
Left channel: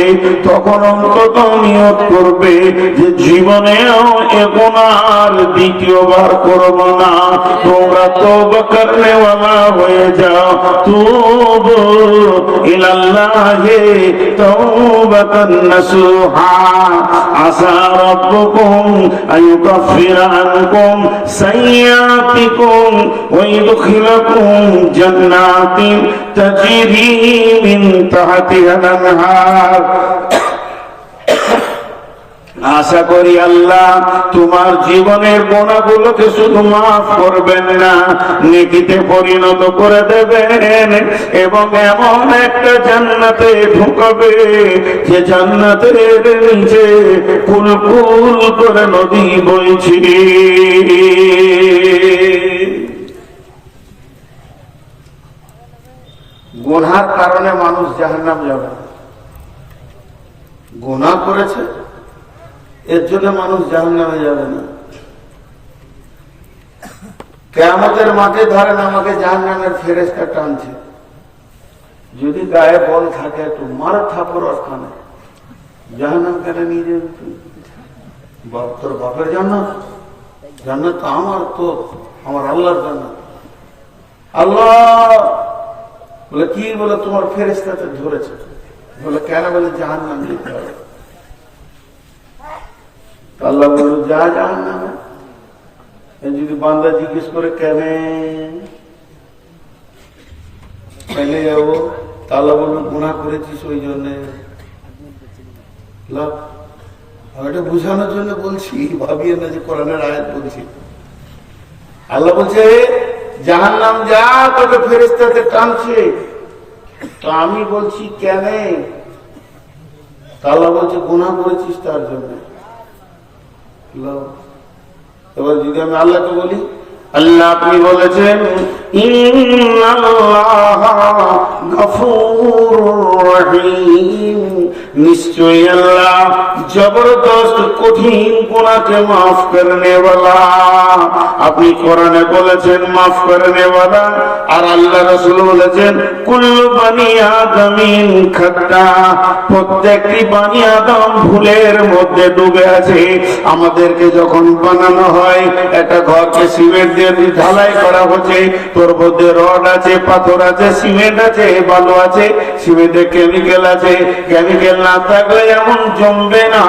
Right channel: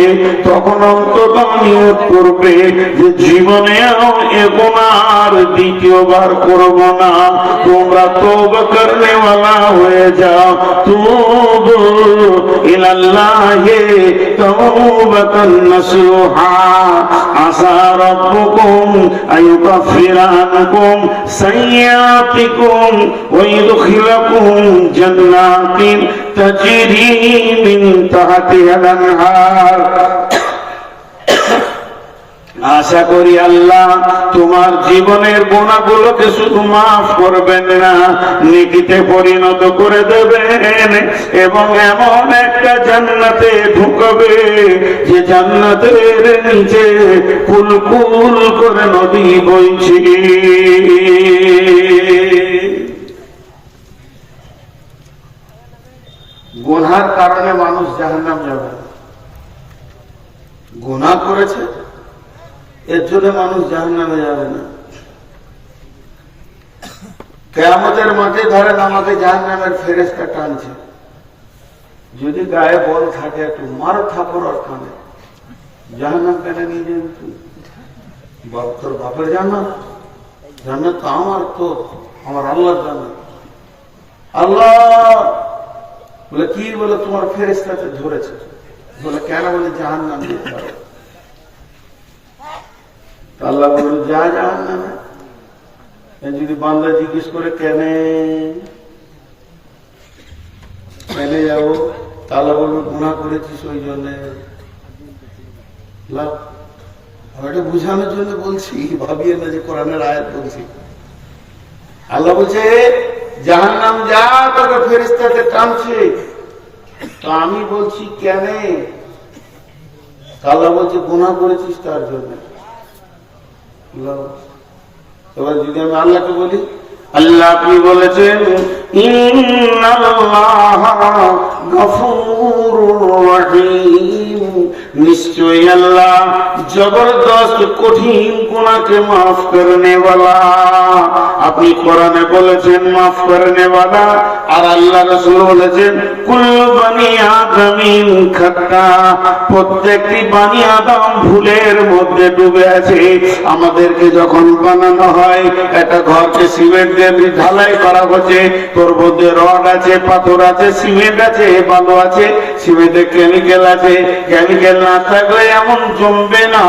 তখন অন্তত নিয়ত করবে যে জীবনেও এ গুনাহ দ্বিতীয়বার করব না। তোমরা তওবা করনেওয়ালা হয়ে যাও, তুবু ইলাল্লাহি তাওবাতান নাসুহা, আসা রাব্বুকুম আইয়ুকাফিরা আনকুম সাইয়্যাতিকুম ওয়া ইউদখিলাকুম জান্নাতিন তাজরি মিন তাহতিহাল আনহার। আশা করি আল্লাহ তোমার জীবনের গুনাহগুলোকে শুধু মাফ করবেন না, নেকিতে পরিণত করে দেবেন এবং এমন একটা জান্নাতে ঢুকাবে যে জান্নাতের নিচে কুলকুল করে নদী বইছে। গুনার কারণে মানুষ জাহান্নাম যাবে, গুনাহ করেছে এর জন্য মানুষ জাহান্নামে যাবে না। কিয়ামতের মাঠে ধরেন আমাকে জাহান্নামের ফেরেশতা টানছে, যদি গায়ে বল থাকে একটু মার থাপড় ওখানে, জাহান্নাম কেন নিয়ে যাবে তুই? তোর বাপের জান্নাত, জান্নাত তো আমার, তো আমার আল্লাহর জান্নাত। আল্লাহ বলে কি? বলে তোমার ফেরেশতাতে ধরেছে। বলে কেন? বলে জাহান্নাম যেতে হবে। আল্লাহ বলল যা জাহান্নামে। যদি বান্দা জিজ্ঞেস করে কেন যাবো, তাহলে বলবো গুনাহ করেছিস ওই জন্য। এটা বুঝানোর জন্য বলছি, ভাবিয়ে না যে কোরআনের আয়াত বলছি। আল্লাহ বলছে জাহান্নাম যা, তোকে ফেরেশতাতে টানছে। তো আমি বলছি কেন? আল্লাহ বলছে গুনাহ করেছিস তার জন্য। এবার যদি আমি আল্লাহকে বলি, আল্লাহ আপনি বলেছেন ইন্নাল্লাহা গফুরুর রহিম, নিশ্চয়ই আল্লাহ জবরদস্ত কঠিন গুনাহকে মাফ করনে ওয়ালা। আপনি কোরআনে বলেছেন মাফ করনে ওয়ালা, আর আল্লাহ রাসূল বলেছেন কুল্লু বনি আদমিন খাতা, প্রত্যেকটি বনি আদম ভুলের মধ্যে ডুবে আছে। আমাদেরকে যখন বানানো হয়, একটা ঘরকে সিমেন্ট দিয়ে ঢালাই করা হচ্ছে, তোর মধ্যে রড আছে, পাথর আছে, সিমেন্ট আছে, বালু আছে, সিমেন্টে কেমিক্যাল আছে। কেমিক্যাল না থাকলে এমন জমবে না।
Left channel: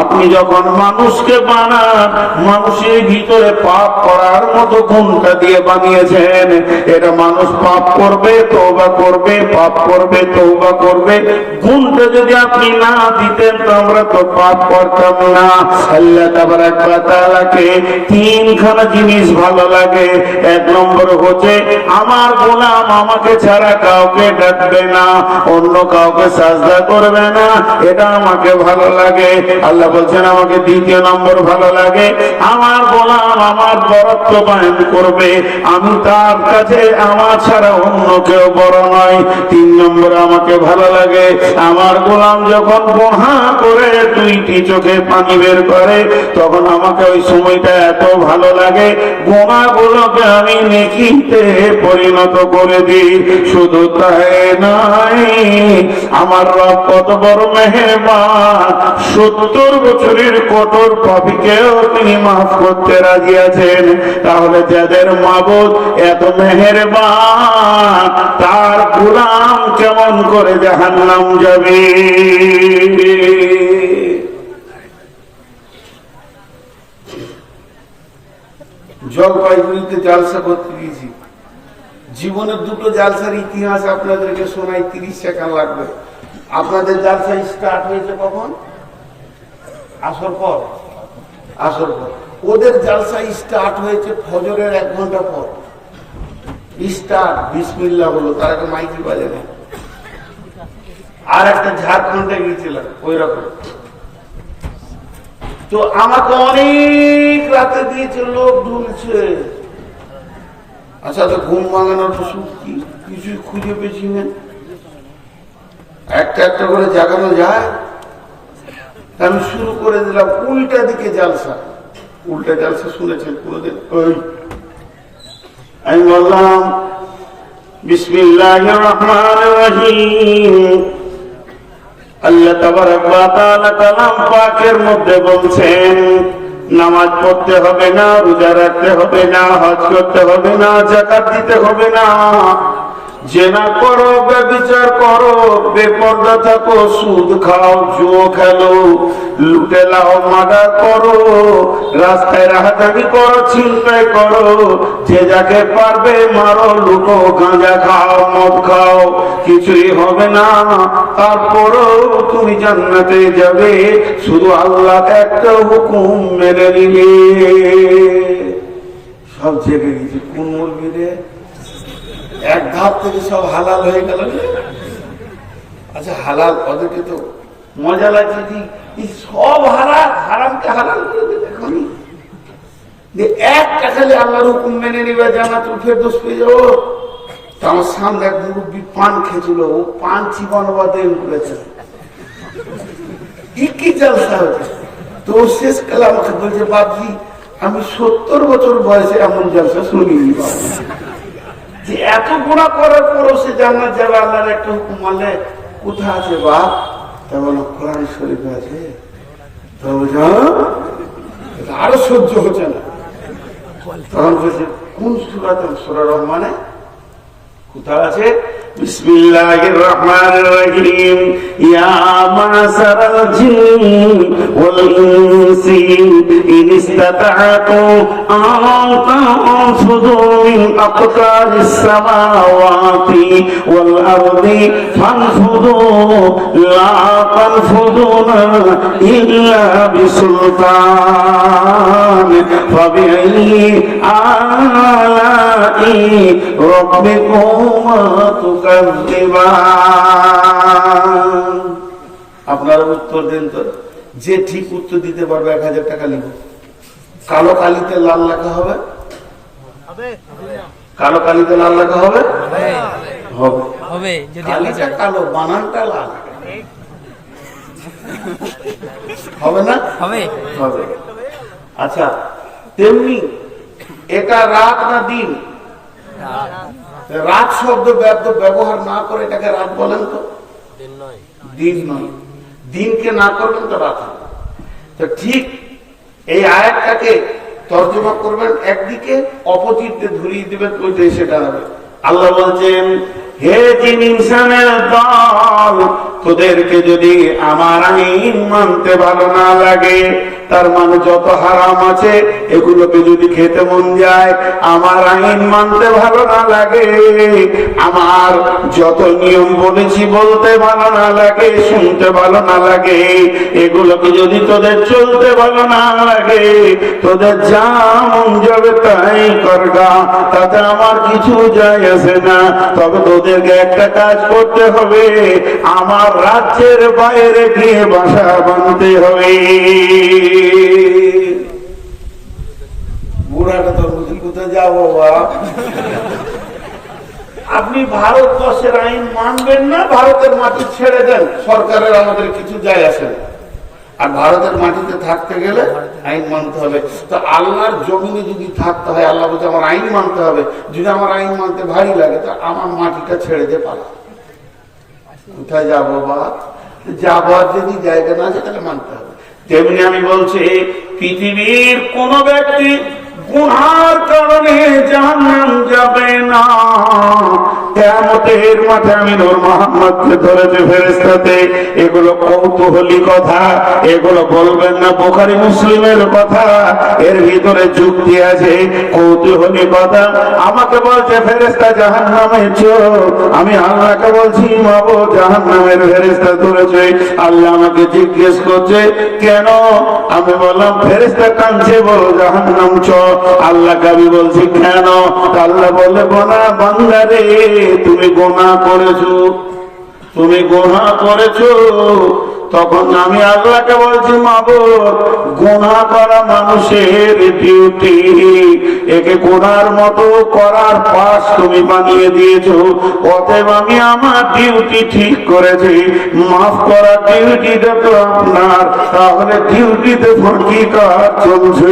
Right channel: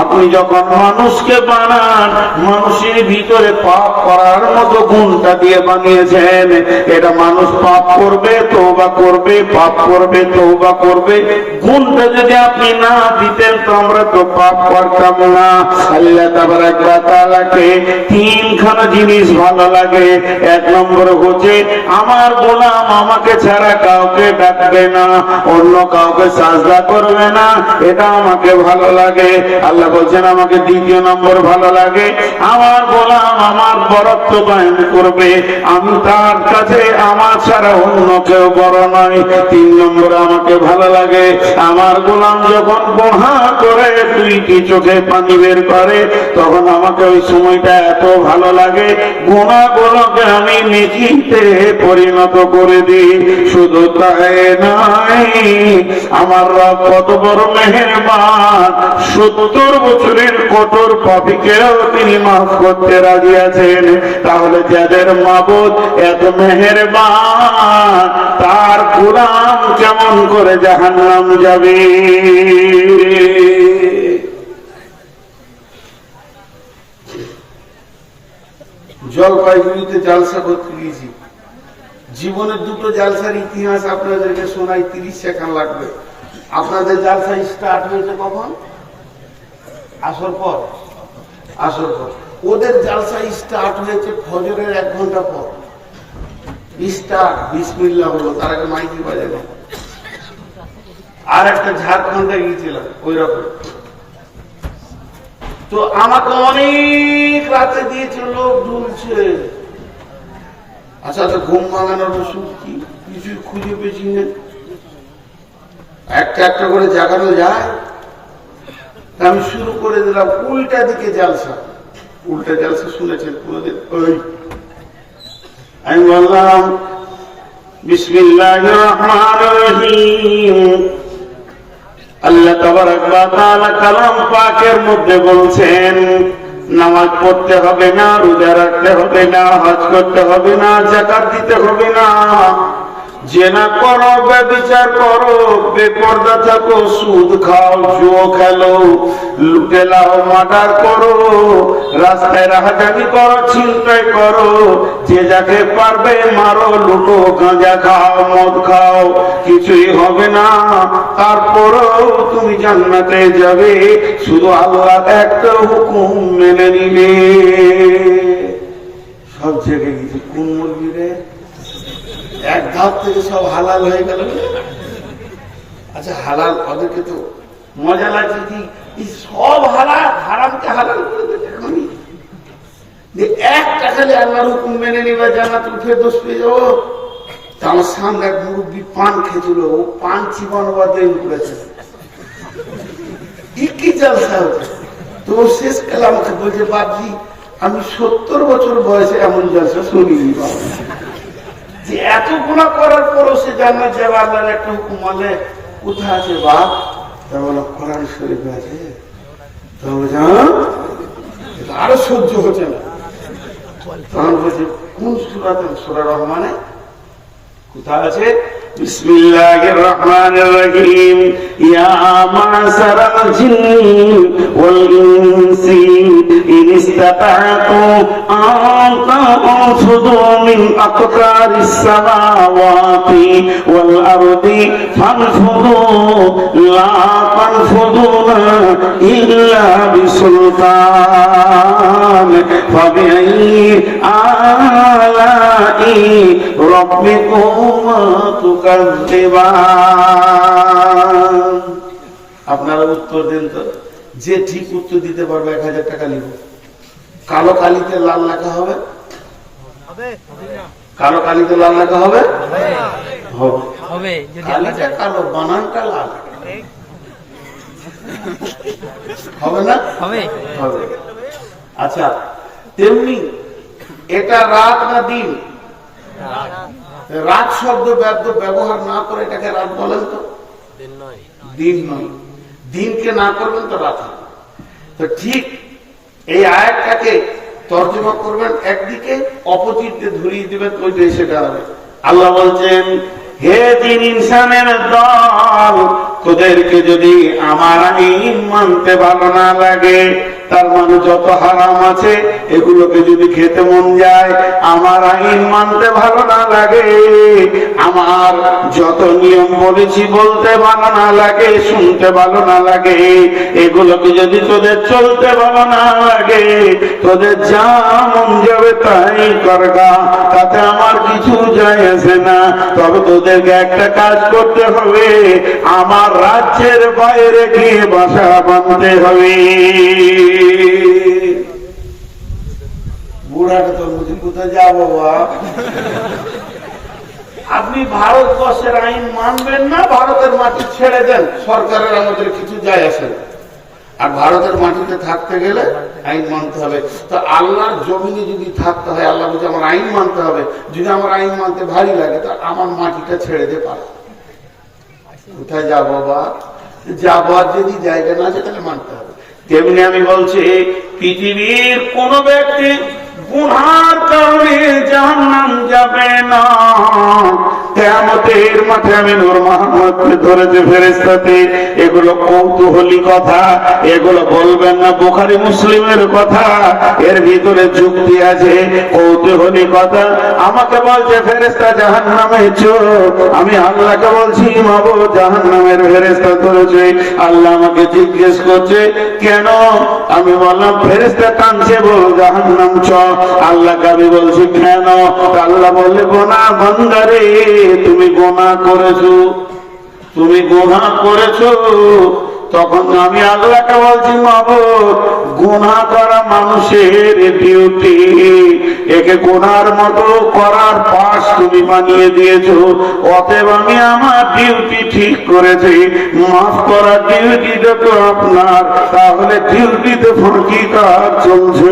আপনি যখন মানুষকে বানান, মানুষের ভিতরে পাপ করার মতো গুণটা দিয়ে বানিয়েছেন। এটা মানুষ পাপ করবে, তওবা করবে, পাপ করবে, তওবা করবে। গুণটা যদি আপনি না দিতেন তো আমরা তো পাপ করতাম না। আল্লাহ তাবারাক ওয়া তাআলাকে তিনখানা জিনিস ভালো লাগে। এক নম্বর হচ্ছে আমার গোলাম আমাকে ছাড়া কাউকে ডাকবে না, অন্য কাউকে সাজদা করবে না, এটা আমাকে ভালো লাগে। আল্লাহ বলছেন আমাকে দ্বিতীয় নম্বর ভালো লাগে আমার গোলাম আমার বরত্ব বায়ন করবে, আমি তার কাছে আমার ছাড়া অন্য কেউ বড় নয়। তিন নম্বর আমাকে ভালো লাগে আমার গোলাম যখন গুনাহ করে দুইটি চোখে পানি বের করে, তখন আমাকে ওই সময়টা এত ভালো লাগে, গুনাহগুলোকে আমি নেকিতে পরিণত করে দিই। শুধু তাই নয়, আমার রব কত বড় মেহেরবান, 70 বছরের কঠোর পাপীকেও তিনি মাফ করতে রাজি আছেন। তাহলে যাদের মাবুদ এত মেহেরবান, তার গোলাম কেমন করে জাহান্নাম যাবে? জলপাইগুড়িতে জালসা করতে গিয়েছি। জীবনের দুটো জালসার ইতিহাস আপনাদেরকে শোনাই, 30 সেকেন্ড লাগবে। আপনাদের জালসা স্টার্ট হয়েছে কখন? আসর পর। আসর পর। ওদের জালসা স্টার্ট হয়েছে ফজরের 1 ঘন্টা পর। স্টার্ট বিসমিল্লাহ হলো, তার আগে মাইকি বাজে না। আর একটা ঝাড়খণ্ডে গিয়েছিলাম ওই রকম। তো আমাকে অনেক রাতে দিয়েছে, লোক ঢুলছে। আচ্ছা তো ঘুম ভাঙানোর ওষুধ কি? কিছুই খুঁজে পেয়েছি না। একটা একটা করে জাগানো যায়। আমি শুরু করে দিলাম উল্টা দিকে জালসা। উল্টা জালসা শুনেছেন পুরোদের? আমি বললাম বিসমিল্লাহির রহমানির রহিম, আল্লাহ তাবারক ওয়া তাআলা কালাম পাকের মধ্যে বলছেন নামাজ পড়তে হবে না, রোজা রাখতে হবে না, হজ করতে হবে না, যাকাত দিতে হবে না, জেনা করো, ব্যভিচার করো, বেপরদা থাকো, সুদ খাও, জুয়া খেলো, লুটে লাও, মার্ডার করো, রাস্তায় রাহাজানি করো, ছিনতাই করো, যে যাকে পারবে মারো, লুটো, গাঁজা খাও, মদ খাও, কিছুই হবে না। তারপরও তুমি জান্নাতে যাবে শুধু আল্লাহ একটা হুকুম মেনে নিলে। সব জেগে গেছে, কোন মুরগি রে? এক ধাপ থেকে সব হালাল হয়ে গেল। আচ্ছা হালাল, ওদেরকে তো মজা লাগছে যে সব হালাল, হারামকে হালাল করে দেবে। যে একটা খালি আল্লাহর হুকুম মেনে নিবে, জান্নাত উঠে দোষ পেয়ে যাবো। তো আমার সামনে এক মুরব্বী পান খেয়েছিল, ও পান চিবানো বাদে করেছে, কি জলসা হচ্ছে। তো শেষ কালে আমাকে বলছে, বাপজি আমি 70 বছর বয়সে এমন জলসা শুনিনি, যে এত গুণা করার পরও সে জান্নাত যাবে আল্লাহর একটা হুকুম মানলে। কোথায় আছে বাপ? তা বলো কোরআন শরীফে আছে। তো আরো সহ্য হচ্ছে না, তখন বলছে কোন সূরাতে? সূরা রহমানে কোথায় আছে? বিসমিল্লাহির রহমানির রহিম। ইয়া মা'শারাল জিন্নি ওয়াল ইনসি ইন ইসতাতা'তু আন তানফুযু মিন আকতারিস সামাওয়াতি ওয়াল আরদি ফানফুযু লা তানফুযুনা ইল্লা বিসুলতান ফাবিআইয়ি আলা'i রাব্বিকুমা তুকাজ্জিবান। আপনারা উত্তর দিন তো, যে ঠিক উত্তর দিতে পারবে 1000 টাকা লিখবে। কালো কালিতে লাল লেখা হবে? কালো কালিতে লাল লেখা হবে? হবে। কালিটা কালো, বানানটা লাল হবে না? হবে। আচ্ছা তেমনি এটা রাত না দিন? রাত শব্দ ব্যবহার না করে এটাকে রাত বলেন তো? দিন নয়। দিনকে না করবেন তো রাত হবে। তো ঠিক এই আয়াতটাকে তর্জমা করবেন একদিকে, অপোজিট দিয়ে ধরিয়ে দিবেন ওই দিয়ে, সেটা হবে। আল্লাহ বলছেন, হে জিন ইনসানের দল, তোদেরকে যদি আমার আইন মানতে ভালো না লাগে, তার মানে যত হারাম আছে এগুলোকে যদি খেতে মন যায়, আমার আইন মানতে ভালো না লাগে, আমার যত নিয়ম বলেছি বলতে ভালো না লাগে, শুনতে ভালো না লাগে, এগুলোকে যদি তোদের চলতে ভালো না লাগে, তোদের যা মন যাবে তাই করগা, তাতে আমার কিছু যায় আসে না। তবে তোদেরকে একটা কাজ করতে হবে, আমার রাজ্যের বাইরে গিয়ে বাসা বাঁধতে হবে। বুড়াটা তো বুঝি কোথায় যাবো বাপ? আপনি ভারতবর্ষের আইন মানবেন না, ভারতের মাটি ছেড়ে দেন, সরকারের আমাদের কিছু যায় আসে না। আর ভারতের মাটিতে থাকতে গেলে আইন মানতে হবে। তো আল্লাহর জমিনে যদি থাকতে হয়, আল্লাহ বলছে আমার আইন মানতে হবে। যদি আমার আইন মানতে ভারী লাগে, তো আমার মাটিটা ছেড়ে দে পালা। কোথায় যাবো বা? যাবো, আর যদি জায়গা না আছে তাহলে মানতে হবে। তেমনি আমি বলছি, পৃথিবীর কোন ব্যক্তি গুনার কারণে জাহান্নাম যাবে না। কিয়ামতের মাঠে আমি নূর মুহাম্মদকে ধরেছে ফেরেশতাতে। এগুলো কৌতূহলী কথা, এগুলো বলবেন না বুখারী মুসলিমের কথা, এর ভিতরে যুক্তি আছে, কৌতূহলী কথা। আমাকে বলছে ফেরেশতা জাহান্নামে চোর, আমি আল্লাহকে বলছি মাগো জাহান্নামের ফেরেশতা ধরেছে। আল্লাহ আমাকে জিজ্ঞেস করছে কেন? আমি বললাম ফেরেশতা কাঁদছে, বলো জাহান্নাম চোর। আল্লাহ কবি বলছি কেন? আল্লাহ বলে গোনাহ বান্দা রে, তুমি গোনাহ করেছো, তুমি গোনাহ করেছো। তখন আমি আল্লাহকে বলছি মাবুদ, গুনাহ করা মানুষের ডিউটি, একে গুনার মতো করার পাশ তুমি বানিয়ে দিয়েছো। অতএব আমি আমার ডিউটি ঠিক করেছি, মাফ করার ডিউটিটা তো আপনার, তাহলে ডিউটিতে ফুরকি কাজ চলছে।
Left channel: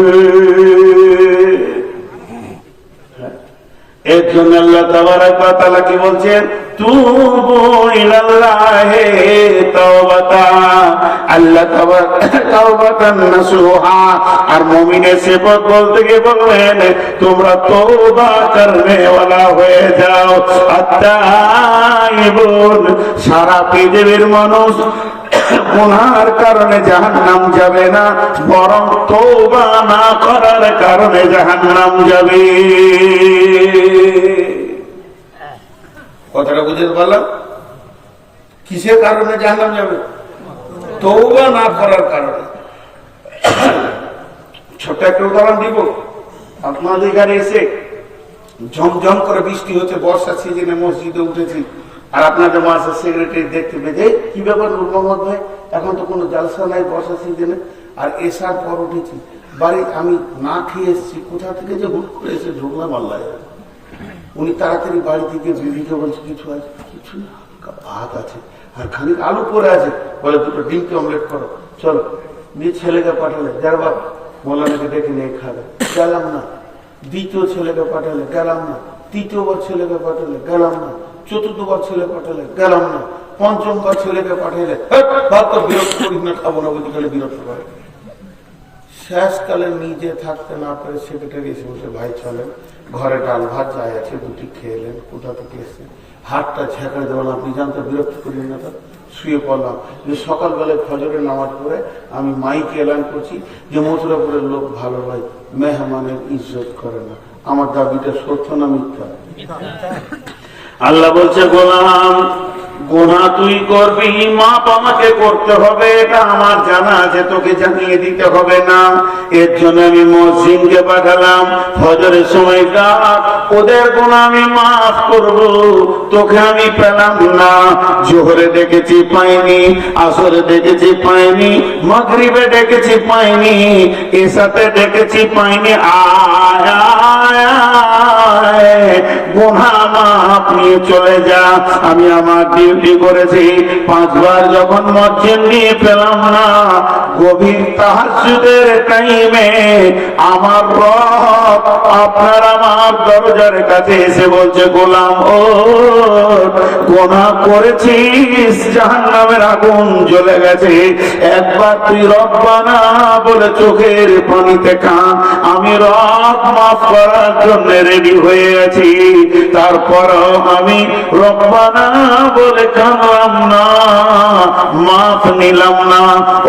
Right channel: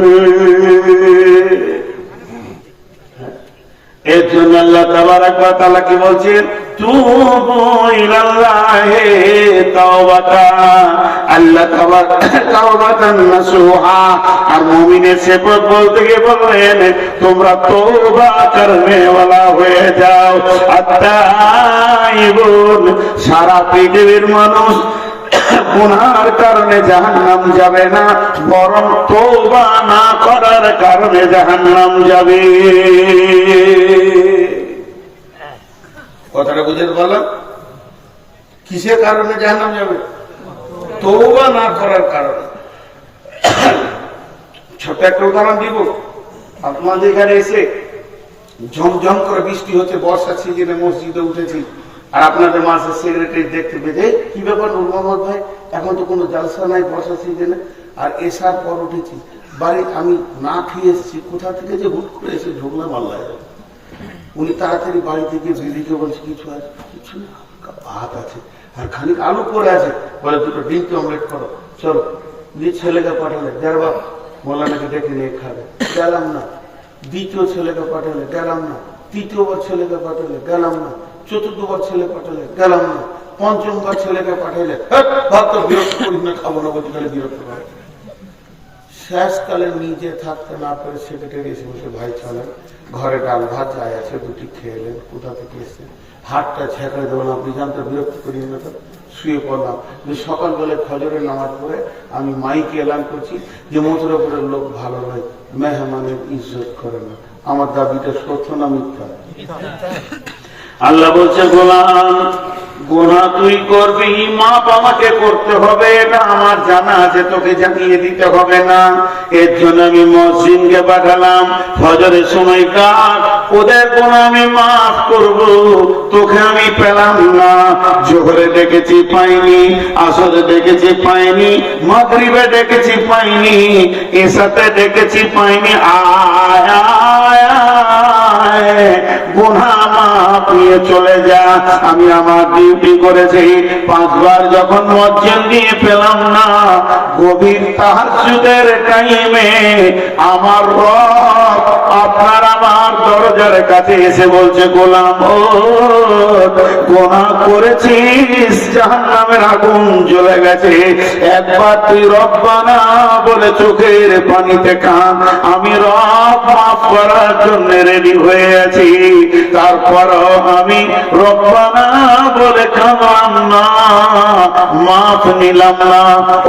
এর জন্য আল্লাহ তাবারাক ওয়া তাআলা কি বলছেন? তুবু ইলাল্লাহি তাওবাতান আল্লাহ তাওবাতান নাসুহা। আর মুমিনের সিফাত বলতে গিয়ে বললেন তোমরা তওবা করনে ওয়ালা হয়ে যাও। আত-তাইবুন, সারা পৃথিবীর মানুষ গুনার কারণে জাহান্নাম যাবে না, বরং তওবা না করার কারণে জাহান্নাম যাবে। কথাটা বুঝে বললাম? কিসের কারণে জাহান্নাম যাবে? তওবা না করার কারণে। ছোট্ট একটা উদাহরণ দিব। আপনাদের এখানে এসে ঝমঝম করে বৃষ্টি হচ্ছে, বর্ষার সিজনে মসজিদে উঠেছি, আর আপনাদের মাসের সেক্রেটারি দেখতে পেয়ে কি ব্যাপার নূর মোহাম্মদ ভাই, এখন তো কোনো জালসা নাই বর্ষা সিজনে, আর এসার পর উঠেছি বাড়ি, আমি না খেয়ে এসেছি, কোথা থেকে যে হুট করে এসে ঢুকলাম আল্লাহ। উনি তাড়াতাড়ি বাড়ি থেকে বিবিকে বলছে কিছু আছে, কিছু ভাত আছে আর খানিক আলু পরে আছে, বলে দুটো ডিমকে অমলেট করো, চলো। দিয়ে ছেলেকে পাঠালে, যার বাপ মোল্লানাকে ডেকে নিয়ে খাবে, গেলাম না। দ্বিতীয় ছেলেকে পাঠালে, গেলাম না। তৃতীয়বার ছেলেকে পাঠালে, গেলাম না। চতুর্থবার ছেলে পাঠালে, গেলাম না। পঞ্চমবার ছেলেকে পাঠাইলে, ভাত তো বিরক্ত করিস না, খাবো না, বলতে গেলে বিরক্ত করে। শেষকালে নিজে থাকতে না পারে সেক্রেটারি এসে বলছে ভাই চলেন, ঘরে ডাল ভাত যাই আছে দুটি খেলেন, কোথা থেকে এসছেন, হাতটা ছেঁকা দেওয়াল, আপনি জানতে বিরক্ত করি না, তো শুয়ে পড়লাম। যে সকালবেলায় ফজরের নামাজ পড়ে আমি মাইকে এলান করছি যে মথুরাপুরের লোক ভালো হয়, মেহমানের ইজ্জত করে না। আমার দাবিটা সত্য না মিথ্যা? আল্লাহ বলছে গোলাম, গুনাহ তুই করবি, মাপ আমাকে করতে হবে, এটা আমার জানা আছে, তোকে জানিয়ে দিতে হবে না। এর জন্য আমি মসজিদকে পাঠালাম, ফজরের সময় ডাক, ওদের গুনাহ আমি মাফ করব, তোকে আমি পেলাম না। জোহরে দেখেছি পাইনি, আসরে দেখেছি পাইনি, মাগরিবে দেখেছি পাইনি, এশাতে দেখেছি পাইনি। গুনাহ মাফ নিয়ে চলে যা। আমি আমার ডিউটি করেছি, 5 বার যখন মসজিদ নিয়ে পেলাম না, গভীর তাহাজ্জুদের টাইমে আমার রব আপনার আমার দরজার কাছে এসে বলছে গোলাম ও গুনাহ করেছিস, জাহান্নামের আগুন জ্বলে গেছে, একবার তুই রব্বানা বলে চোখের পানিতে কান, আমি রব মাফ করার জন্য রেডি হয়ে আছি। তারপর আমি রব্বানা বলে কানলাম না, মাফ নিলাম না।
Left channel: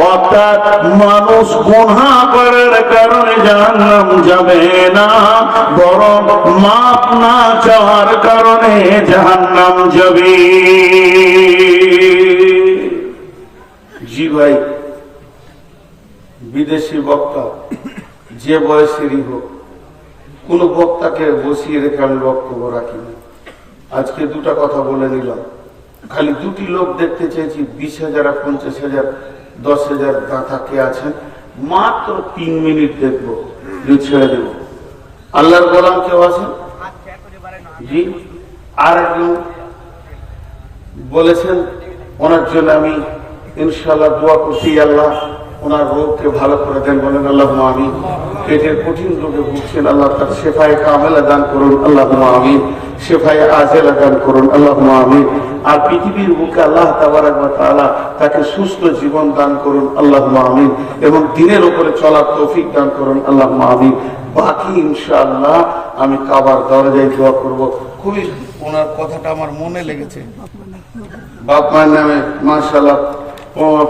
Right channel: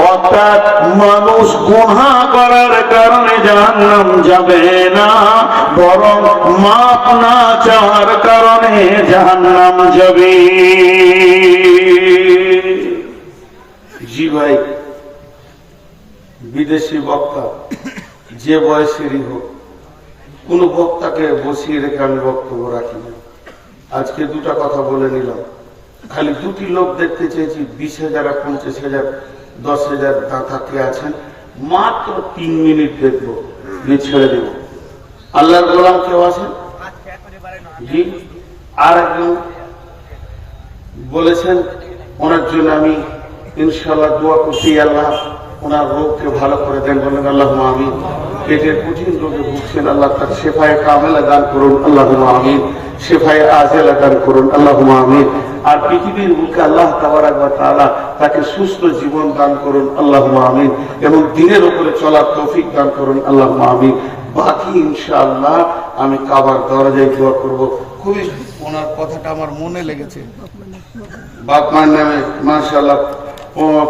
অর্থাৎ মানুষ গুনাহ করার কারণে জাহান্নাম যাবে না, বরং মাফ না চাওয়ার কারণে জাহান্নাম যাবে। জি ভাই, বিদেশি বক্তা যে বয়সেরই হোক, কোন বক্তাকে বসিয়ে রেখে আমি বক্তব্য রাখি না। আজকে দুটা কথা বলে নিলাম, খালি দুটি লোক দেখতে চেয়েছি, 20,000 আর 50,000 10,000 দাতা কে আছেন, মাত্র 3 মিনিট দেখবো, ছেড়ে দেব। আল্লাহর গোলাম কেউ আছেন? জি। আর একজন বলেছেন, ওনার জন্য আমি ইনশাআল্লাহ দোয়া করছি, আল্লাহ ওনার রোগকে ভালো করে দেন, বলেন আল্লাহুম্মা আমিন। পেটের কঠিন রোগে ভুগছেন, আল্লাহ তার শেফায়ে কামেলা দান করুন, আল্লাহুম্মা আমিন। শেফায়ে আজেলা দান করুন, আল্লাহুম্মা আমিন। আর পৃথিবীর বুকে আল্লাহ তাবারাক ওয়া তাআলা তাকে সুস্থ জীবন দান করুন, আল্লাহুম্মা আমিন। এবং দিনের উপরে চলার তৌফিক দান করুন, আল্লাহুম্মা আমিন। বাকি ইনশাআল্লাহ আমি কাবার দরজায় দোয়া করব। খুবই ওনার কথাটা আমার মনে লেগেছে। বাপ মায়ের নামে মাশাআল্লাহ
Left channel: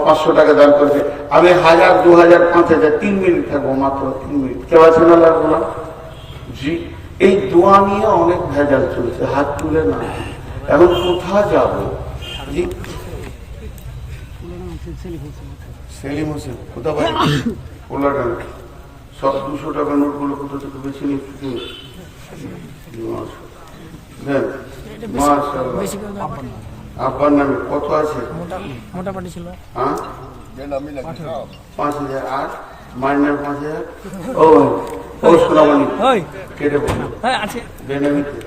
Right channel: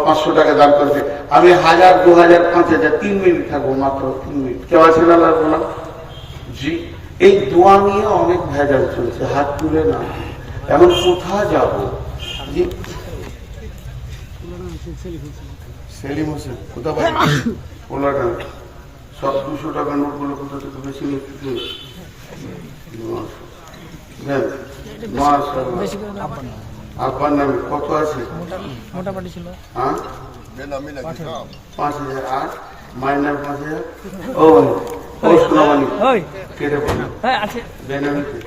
500 টাকা দান করেছে। আমি 1000, 2000, 5000, 3 মিনিট থাকবো, মাত্র 3 মিনিট। কেউ আছেন আল্লাহ? জি। এই দোয়া নিয়ে অনেক ভেজাল চলছে, হাত তুলে না। এখন কোথায় যাব? জি, সেলিম হোসেন কোথায় বাড়ি? কোলাডান। সব 200 টাকা নোটগুলো কোথা থেকে বেশি নিচ্ছে? আপনার নামে কত আছে? মোটামুটি ছিল। হ্যাঁ, 5,000। আর মায়ের নাম 5,000। ও ও সোনামণি কেটে পড়লো বেনামিতে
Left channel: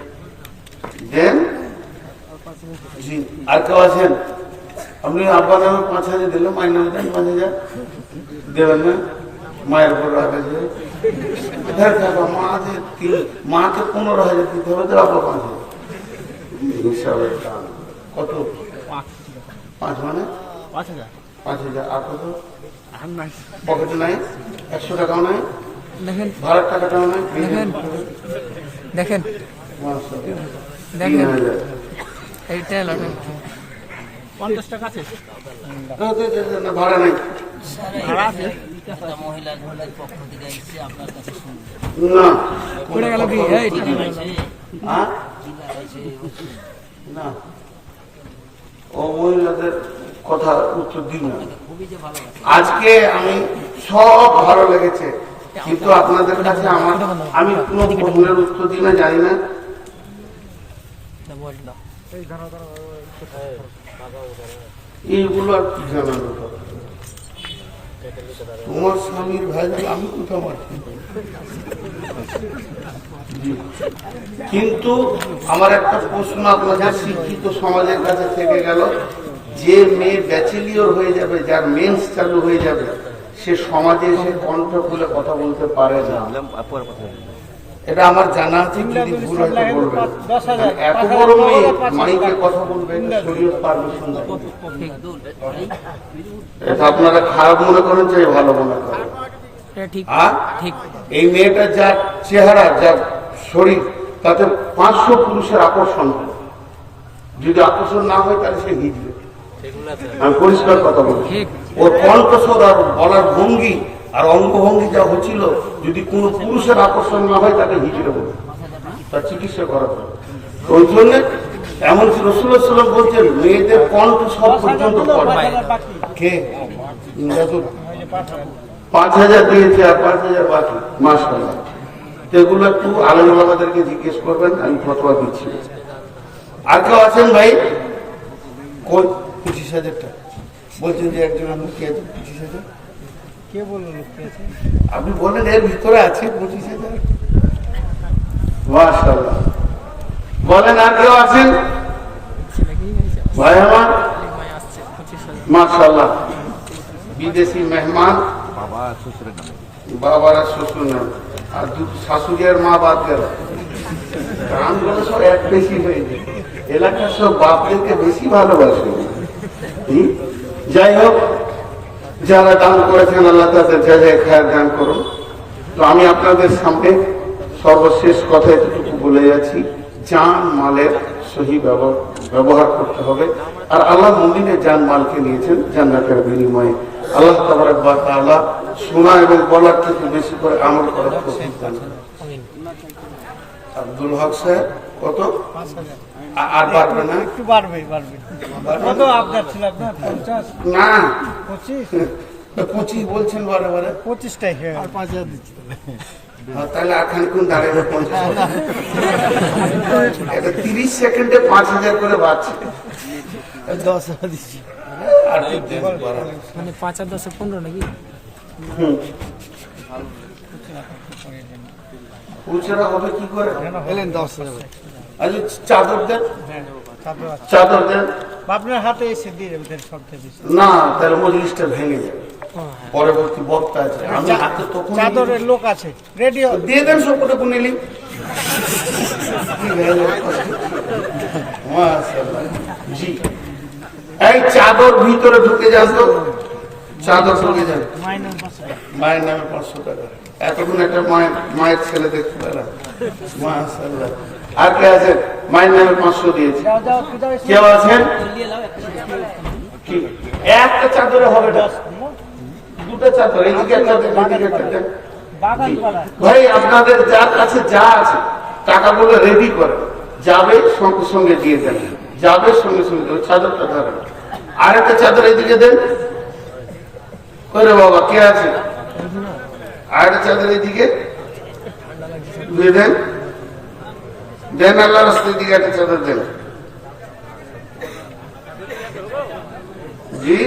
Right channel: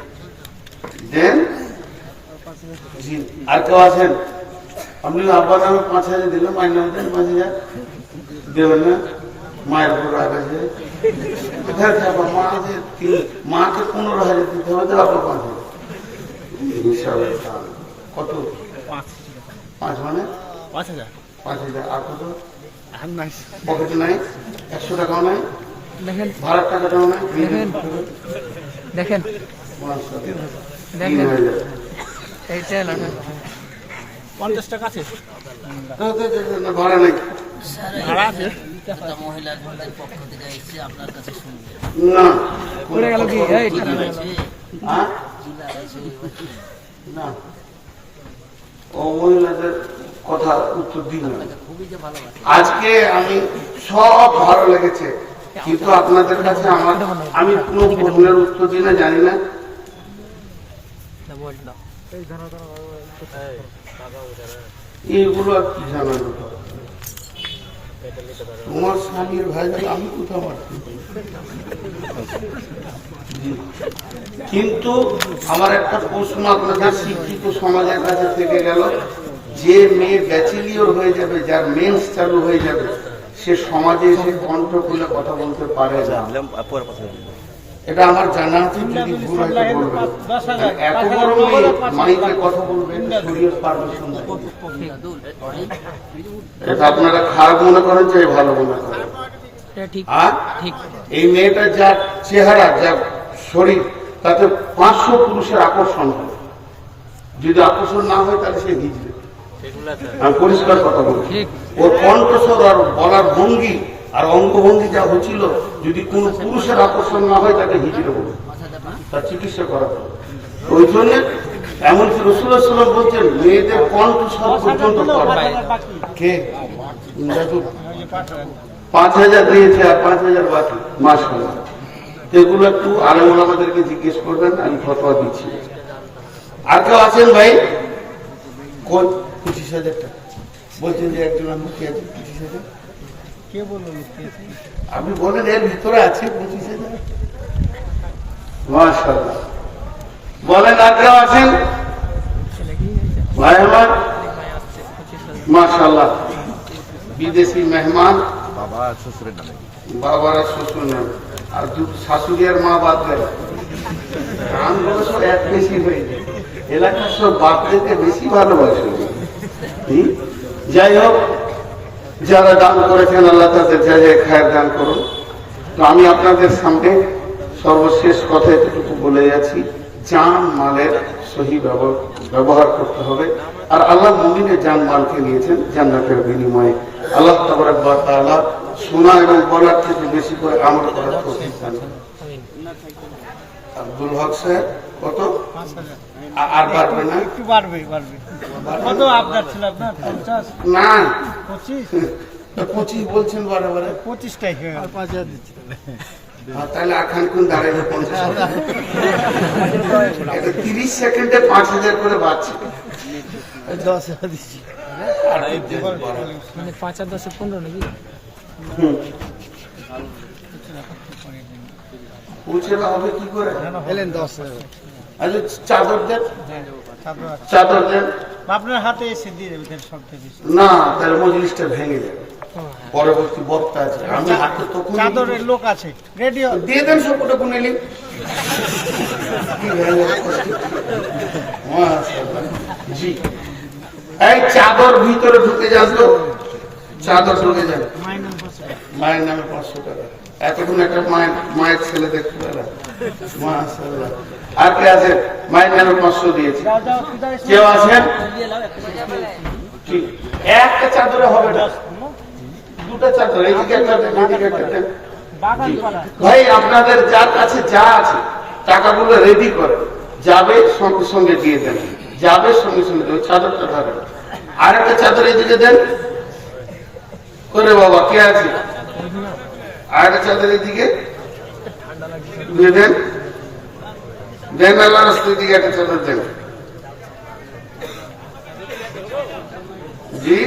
দেন। জি। আর কেউ আছেন? আপনি আব্বার নামে 5,000 দিল, মায়ের নামে দেন 5,000 দেবেন না? মায়ের উপর রাগ আছে, মা আছে, মাকে 15,000 দিতে হবে, তো আপনার 5,000 কত? 5 মানে 5,000। 5,000 আর কত পকেটে নাই, 100 টাকাও নাই, দেখেন ভাড়ার টাকাটাও নাই। দেখেন দেখেন মাশাআল্লাহ, দেখেন 3,000। এইটা এলো না 50 টাকা আছে না, ভাড়া নাই। মহিলাদের পক্ষ থেকে এসে আপনার কাছে শুনবে না, পড়ে গেল কি এই ঠান্ডা গেল। হ্যাঁ? না, ও মহিলাদের কথা উত্তর দিন না। আজকে আমি সব ভালো লেগেছে, কিন্তু আপনাদের কাছে আমি কোনো প্রশ্নের উত্তর দিই না, জানি না। না বল না এইগুলো আর কি জানানো দরকার? তোমার স্বামীর ভাই গেল, আমি কোথাও মারছি। কিন্তু আমার একটা প্রশ্ন আপনাদের শিক্ষিত সমাজের কাছে থেকে গেল, যে মেয়ে ব্যাচেলিয়র হয়ে যাবে, যার মেন্স চালু হয়ে যাবে, সে সমাজে এসে কণ্ঠ খুলে কথা বলতে পারে না। এটা আমার জানা আছে, যদি ভুল হয়তো বলবেন। এত বড় মেয়ে মাইকে কথা বলবে, শরীয়ত পারমিশন দেয়। এটা আপনারা খারাপ মনে করেন, চাই ভালো মনে করেন। এটা ঠিক আর ঠিক এই মেয়েটা যার চেহারা, যার শরীর, তাতে 500 পুরুষের আকর্ষণ হয়। যদি আকর্ষণ না হয় তাহলে সে হিজড়ে। আমি পরিষ্কার কথা বলি, ঠিক। ওর কণ্ঠস্বর আর বলার ভঙ্গি আর অঙ্গভঙ্গি যা হচ্ছিল, যদি কোনো পুরুষের আকর্ষণ না হয় তাকে হিজড়ে বলবে, তার চিকিৎসা করা হবে। ওই জন্য এমনকি রাসূলুল্লাহ সাল্লাল্লাহু আলাইহি ওয়াসাল্লাম বলছেন, মেয়েদের কণ্ঠস্বর পর্যন্ত পড়বে। কে? দাদু 5,000 দিয়েছে আর 5,000 বাকি। মাশাআল্লাহ, এগুলো একটু আলেম ওলামাদেরকে জিজ্ঞেস করবেন, আমি ফতোয়া দিচ্ছি। আর কেউ আছেন ভাই? কই 25,000 টাকা বলছেন যে একজন লুকিয়ে আছে 25,000। কে বললো লুকিয়ে আছে? আপনি বললেন এর ভিতরে আছে 25,000। মাশাআল্লাহ, বলেন আর কেউ আছেন ছেলে কি হয়েছে ভাই আমার? আসছে 25,000 মাশাআল্লাহ, বিদেশি মেহমান, বাবার শ্বশুর নাম, আর শাশুড়ি আর মা বাদ গেল। গ্রামগুলো সব এক বেশি হয়ে যায়, এলাকার সব বাপদেরকে বেশি ভালোবাসে। যাই হোক, যারা দান করেছেন আল্লাহ তাদের যা যায় খায়ের দান করুন। তো আমি আপনাদের সামনে সর্বশেষ কথা এতটুকু বলে যাচ্ছি, জান মালের সহি ব্যবহার করতে হবে। আর আল্লাহ মুমিনের জান মালকে নিয়েছেন জান্নাতের বিনিময়ে। আল্লাহ তাবারক ওয়া তাআলা শোনা এবং বলার থেকে বেশি করে আমল করার তৌফিক দান করুন। আব্দুল হক সাহেব কত? 5,000 আর পারবে না? একটু বাড়বে কত আপনার ছিল? আপনার 50 না, 25 25 বলছেন বারে বারে। 25টাই হয়ে গেল। 5,000 দিচ্ছি তাহলে আর খানিক্ষণ দাঁড়িয়ে 50 হবে। এটা 30 সেকেন্ডে 5,000 করে বাড়ছে। 10,000 দিচ্ছি। আর কি বাড়াবে? মানে 5 আর 10 15 নাকি পুরুষেরা হবে কি করে? এলেন 10,000 আচ্ছা, চাদর দেন, তারপর আছে। চাদর দেন। আপনার হাতে এসে দিয়ে দেবে তাহলে সবটা দিচ্ছি। না, তাহলে মজলিসটা ভেঙে যাবে। পরবর্তী বক্তা আছে, আমি হাতে তখন চাদরের লোক আছে রেডি। দিয়ে দেন সবকটা কুনেলি। জি, এই চাদর ভিতরে ঢুকে যান তো, চাদর ঢুকে যান। মায়ের নামে 500 টাকা। এতক্ষণ একটা মায়ের ছেলে দেখতে পেলাম। মাশাআল্লাহ। আর কে আছে? মায়ের নামে 500 দিয়েছে। কেউ আছেন? কি একটা চাদরে হবে না, দুটো চাদর, এদিকে একটা দেন, এদিকে একটা দেন। বাগান পালা ভাই, আপনাদের যার কাছে যা আছে টাকাগুলো রেডি করে যাবে, সঙ্গে সঙ্গে দিয়ে দেন, যাবে সঙ্গে সঙ্গে ওই চাদরটা ধরেন। আর একটা চাদর এদিকে দেন করে। বাবা কে আছে? আর একটা চাদর এদিকে দিয়ে দেন, দেন। আল্লাহ রাস্তার দিকে একটা চাদর দেন। জি,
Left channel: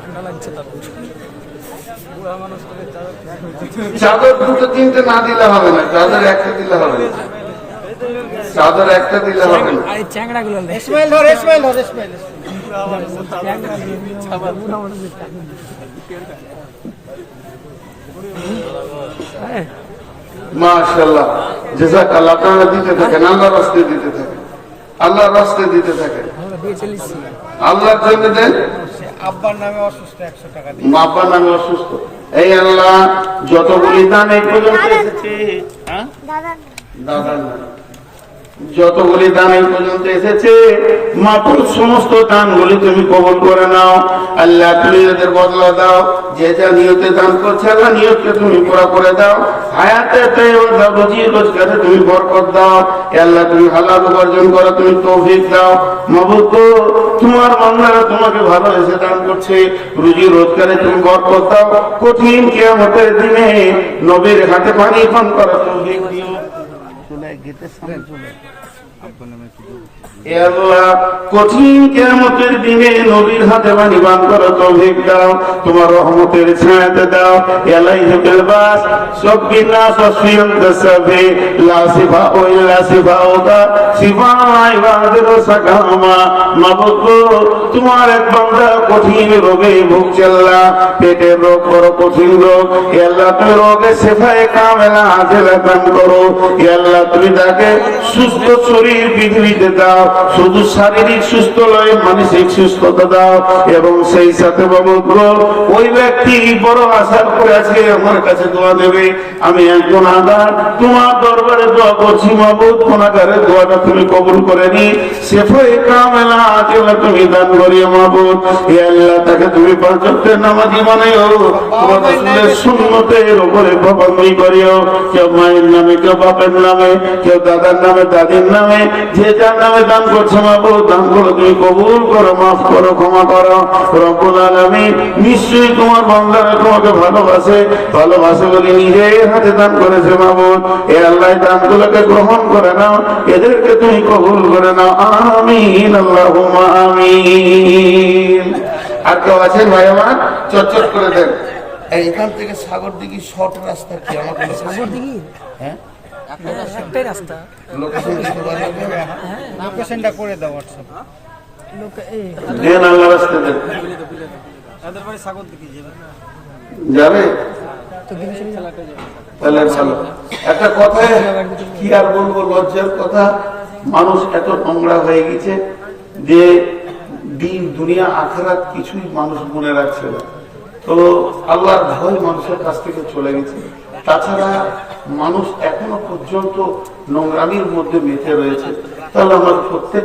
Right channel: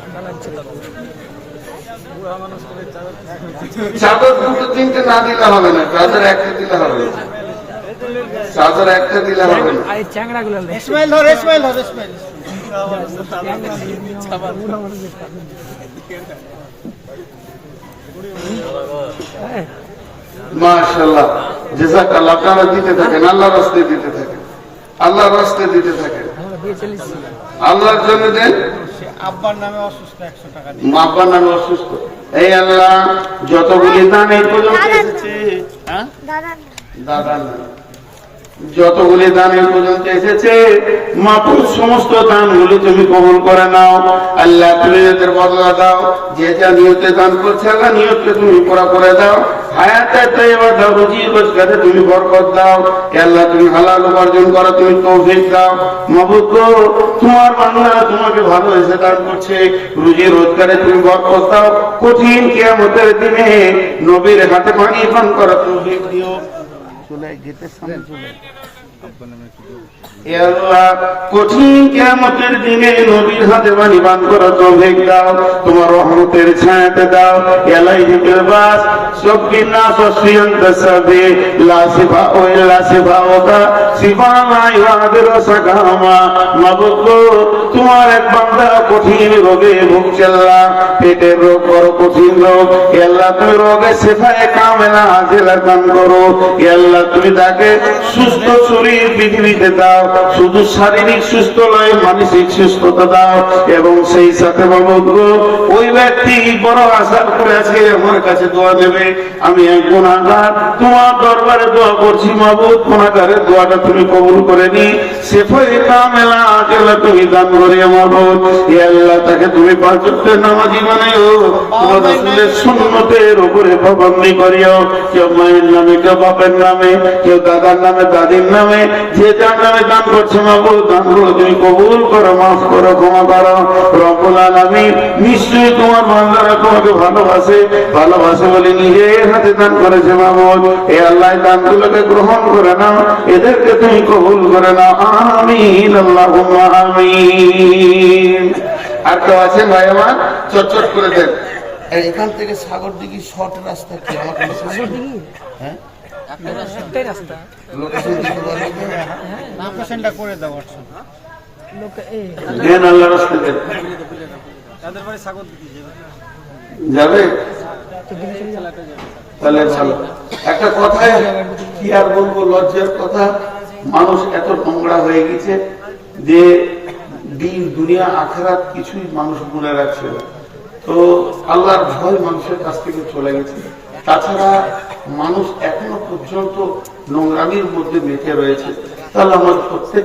ঠান্ডা লাগছে তার চাদর দুটো তিনটে না দিলে হবে না, চাদর একটা দিলে হবে না, চাদর একটা দিলে হবে না। আর এই চ্যাংড়া গুলো ইসমাইল ধর, ইসমাইল ধর, ইসমাইল। মাশাআল্লাহ, জাযাকাল্লাহ। আপনারা দিতে থাকেন, আল্লাহ রাস্তায় দিতে থাকেন। আল্লাহর রাস্তায় দিতে থাকেন, আমরা দিয়ে চলেছি। আল্লাহর জন্য দেন। সে আব্বার নামে অসুস্থ 100 টাকা দিয়ে। আব্বার নামে অসুস্থ, এই আল্লাহ যতগুলি দান এই পর্যন্ত এসেছে, হ্যাঁ দাদার নামে যতগুলি দান এই পর্যন্ত এসেছে, মাত্র সমস্ত দানগুলি তুমি কবুল করে নাও আল্লাহ। তুমি এদের বদলা দাও, যে যা নিয়তে দান করছে আল্লাহ নিয়তকে তুমি পুরা করে দাও। হায়াতে তৈবা দাও, রুজি রোজগারে তুমি বরকত দাও। এ আল্লাহ তুমি হালাল উপার্জন করো, তুমি তৌফিক দাও। মাবুদ গো, তোমার বান্দারা তোমাকে ভালোবেসে দান করছে, রুজি রোজগারে তুমি বরকত দাও। কঠিন কিয়ামতের দিনে নবীর হাতে পানি পান করা তৌফিক দিও। চলে গেটের সামনে চলে কঠিন কিয়ামতের দিনে নবীর হাতে পানি পান করা তৌফিক দাও। তোমার রহমতের ছায়াতে দাও। আলাইহিম বাস সবকিনা সসিয়ন তসবে লা সিফা ইল্লা সিফাউকা সিফানা ইবাদের সাকামা। মাবুদ তোমার এক বান্দা কঠিন রোগে ভুগছে আল্লাহ, পেটের রোগ বড় কঠিন রোগ। আল্লাহ তুমি রোগে সিফায়ে কামেলা আজেলা দান করো। আল্লাহ তুমি তাকে সুস্থ শরীর পৃথিবীতে দাও, শুধু শারীরিক সুস্থ নয় মানসিক সুস্থতা দাও। এবং সেই সাথে মাবুদ ওই ব্যক্তি বড় আশা করে আছে আমার কাছে দোয়া দেবে, আমি এক গুনাহগার তোমার দরবারে দোয়া করছি মাবুদ, গুনাহগারের দোয়াটা তুমি কবুল করে নি, সিফায়ে কামেলা আজেলা তুমি দান করে মাবুদ। হে আল্লাহ তাকে তুমি 5 ওয়াক্তের নামাজি বানাইও, রাসূলের সুন্নতের উপরে পাবন্দি করিও। কেউ মায়ের নামে, কেউ বাপের নামে, কেউ দাদার নামে, দাদির নামে, যে যার নামে দান করছো মাবুদ, দানগুলো তুমি কবুল করো, মাফ করো, ক্ষমা করো। রব্বুল আলামিন নিশ্চয়ই তোমার বান্দারা তোমাকে ভালোবাসে, ভালোবাসে বলে নিজের হাতে দান করেছে মাবুদ। এ আল্লাহ দানগুলোকে গ্রহণ করে নাও, এদেরকে তুমি কবুল করে নাও। আমিন আল্লাহুম্মা আমিন। আর কেউ আছেন ভাই আমার? চটচট করে দেন। এখান থেকে সাগর দিঘি শর্ট রাস্তা কি আমাকে সাগর দিঘি? হ্যাঁ একটাই রাস্তা। লোকেশন দিতে পারবেন? লোকেশনটা করে দাও হোয়াটসঅ্যাপ। দেন আল্লাহ রাস্তা দেন। তাদের বাড়ি সাগর দিকে যাবে তাহলে ভালো। একটা কথায় কি আর বলবো, লজ্জার কথা, মানুষ এত নোংরা হয়ে গেছে যে দিন দুনিয়া আখেরাত কিছুই মানুষ মনে রাখছে না। তো আল্লাহর ভয় মানুষের কাছ থেকে চলে গেছে। তাছাড়া মানুষ এখনো পর্যন্ত নোংরামির মধ্যে মেতে রয়েছে। তাহলে আমরা প্রত্যেক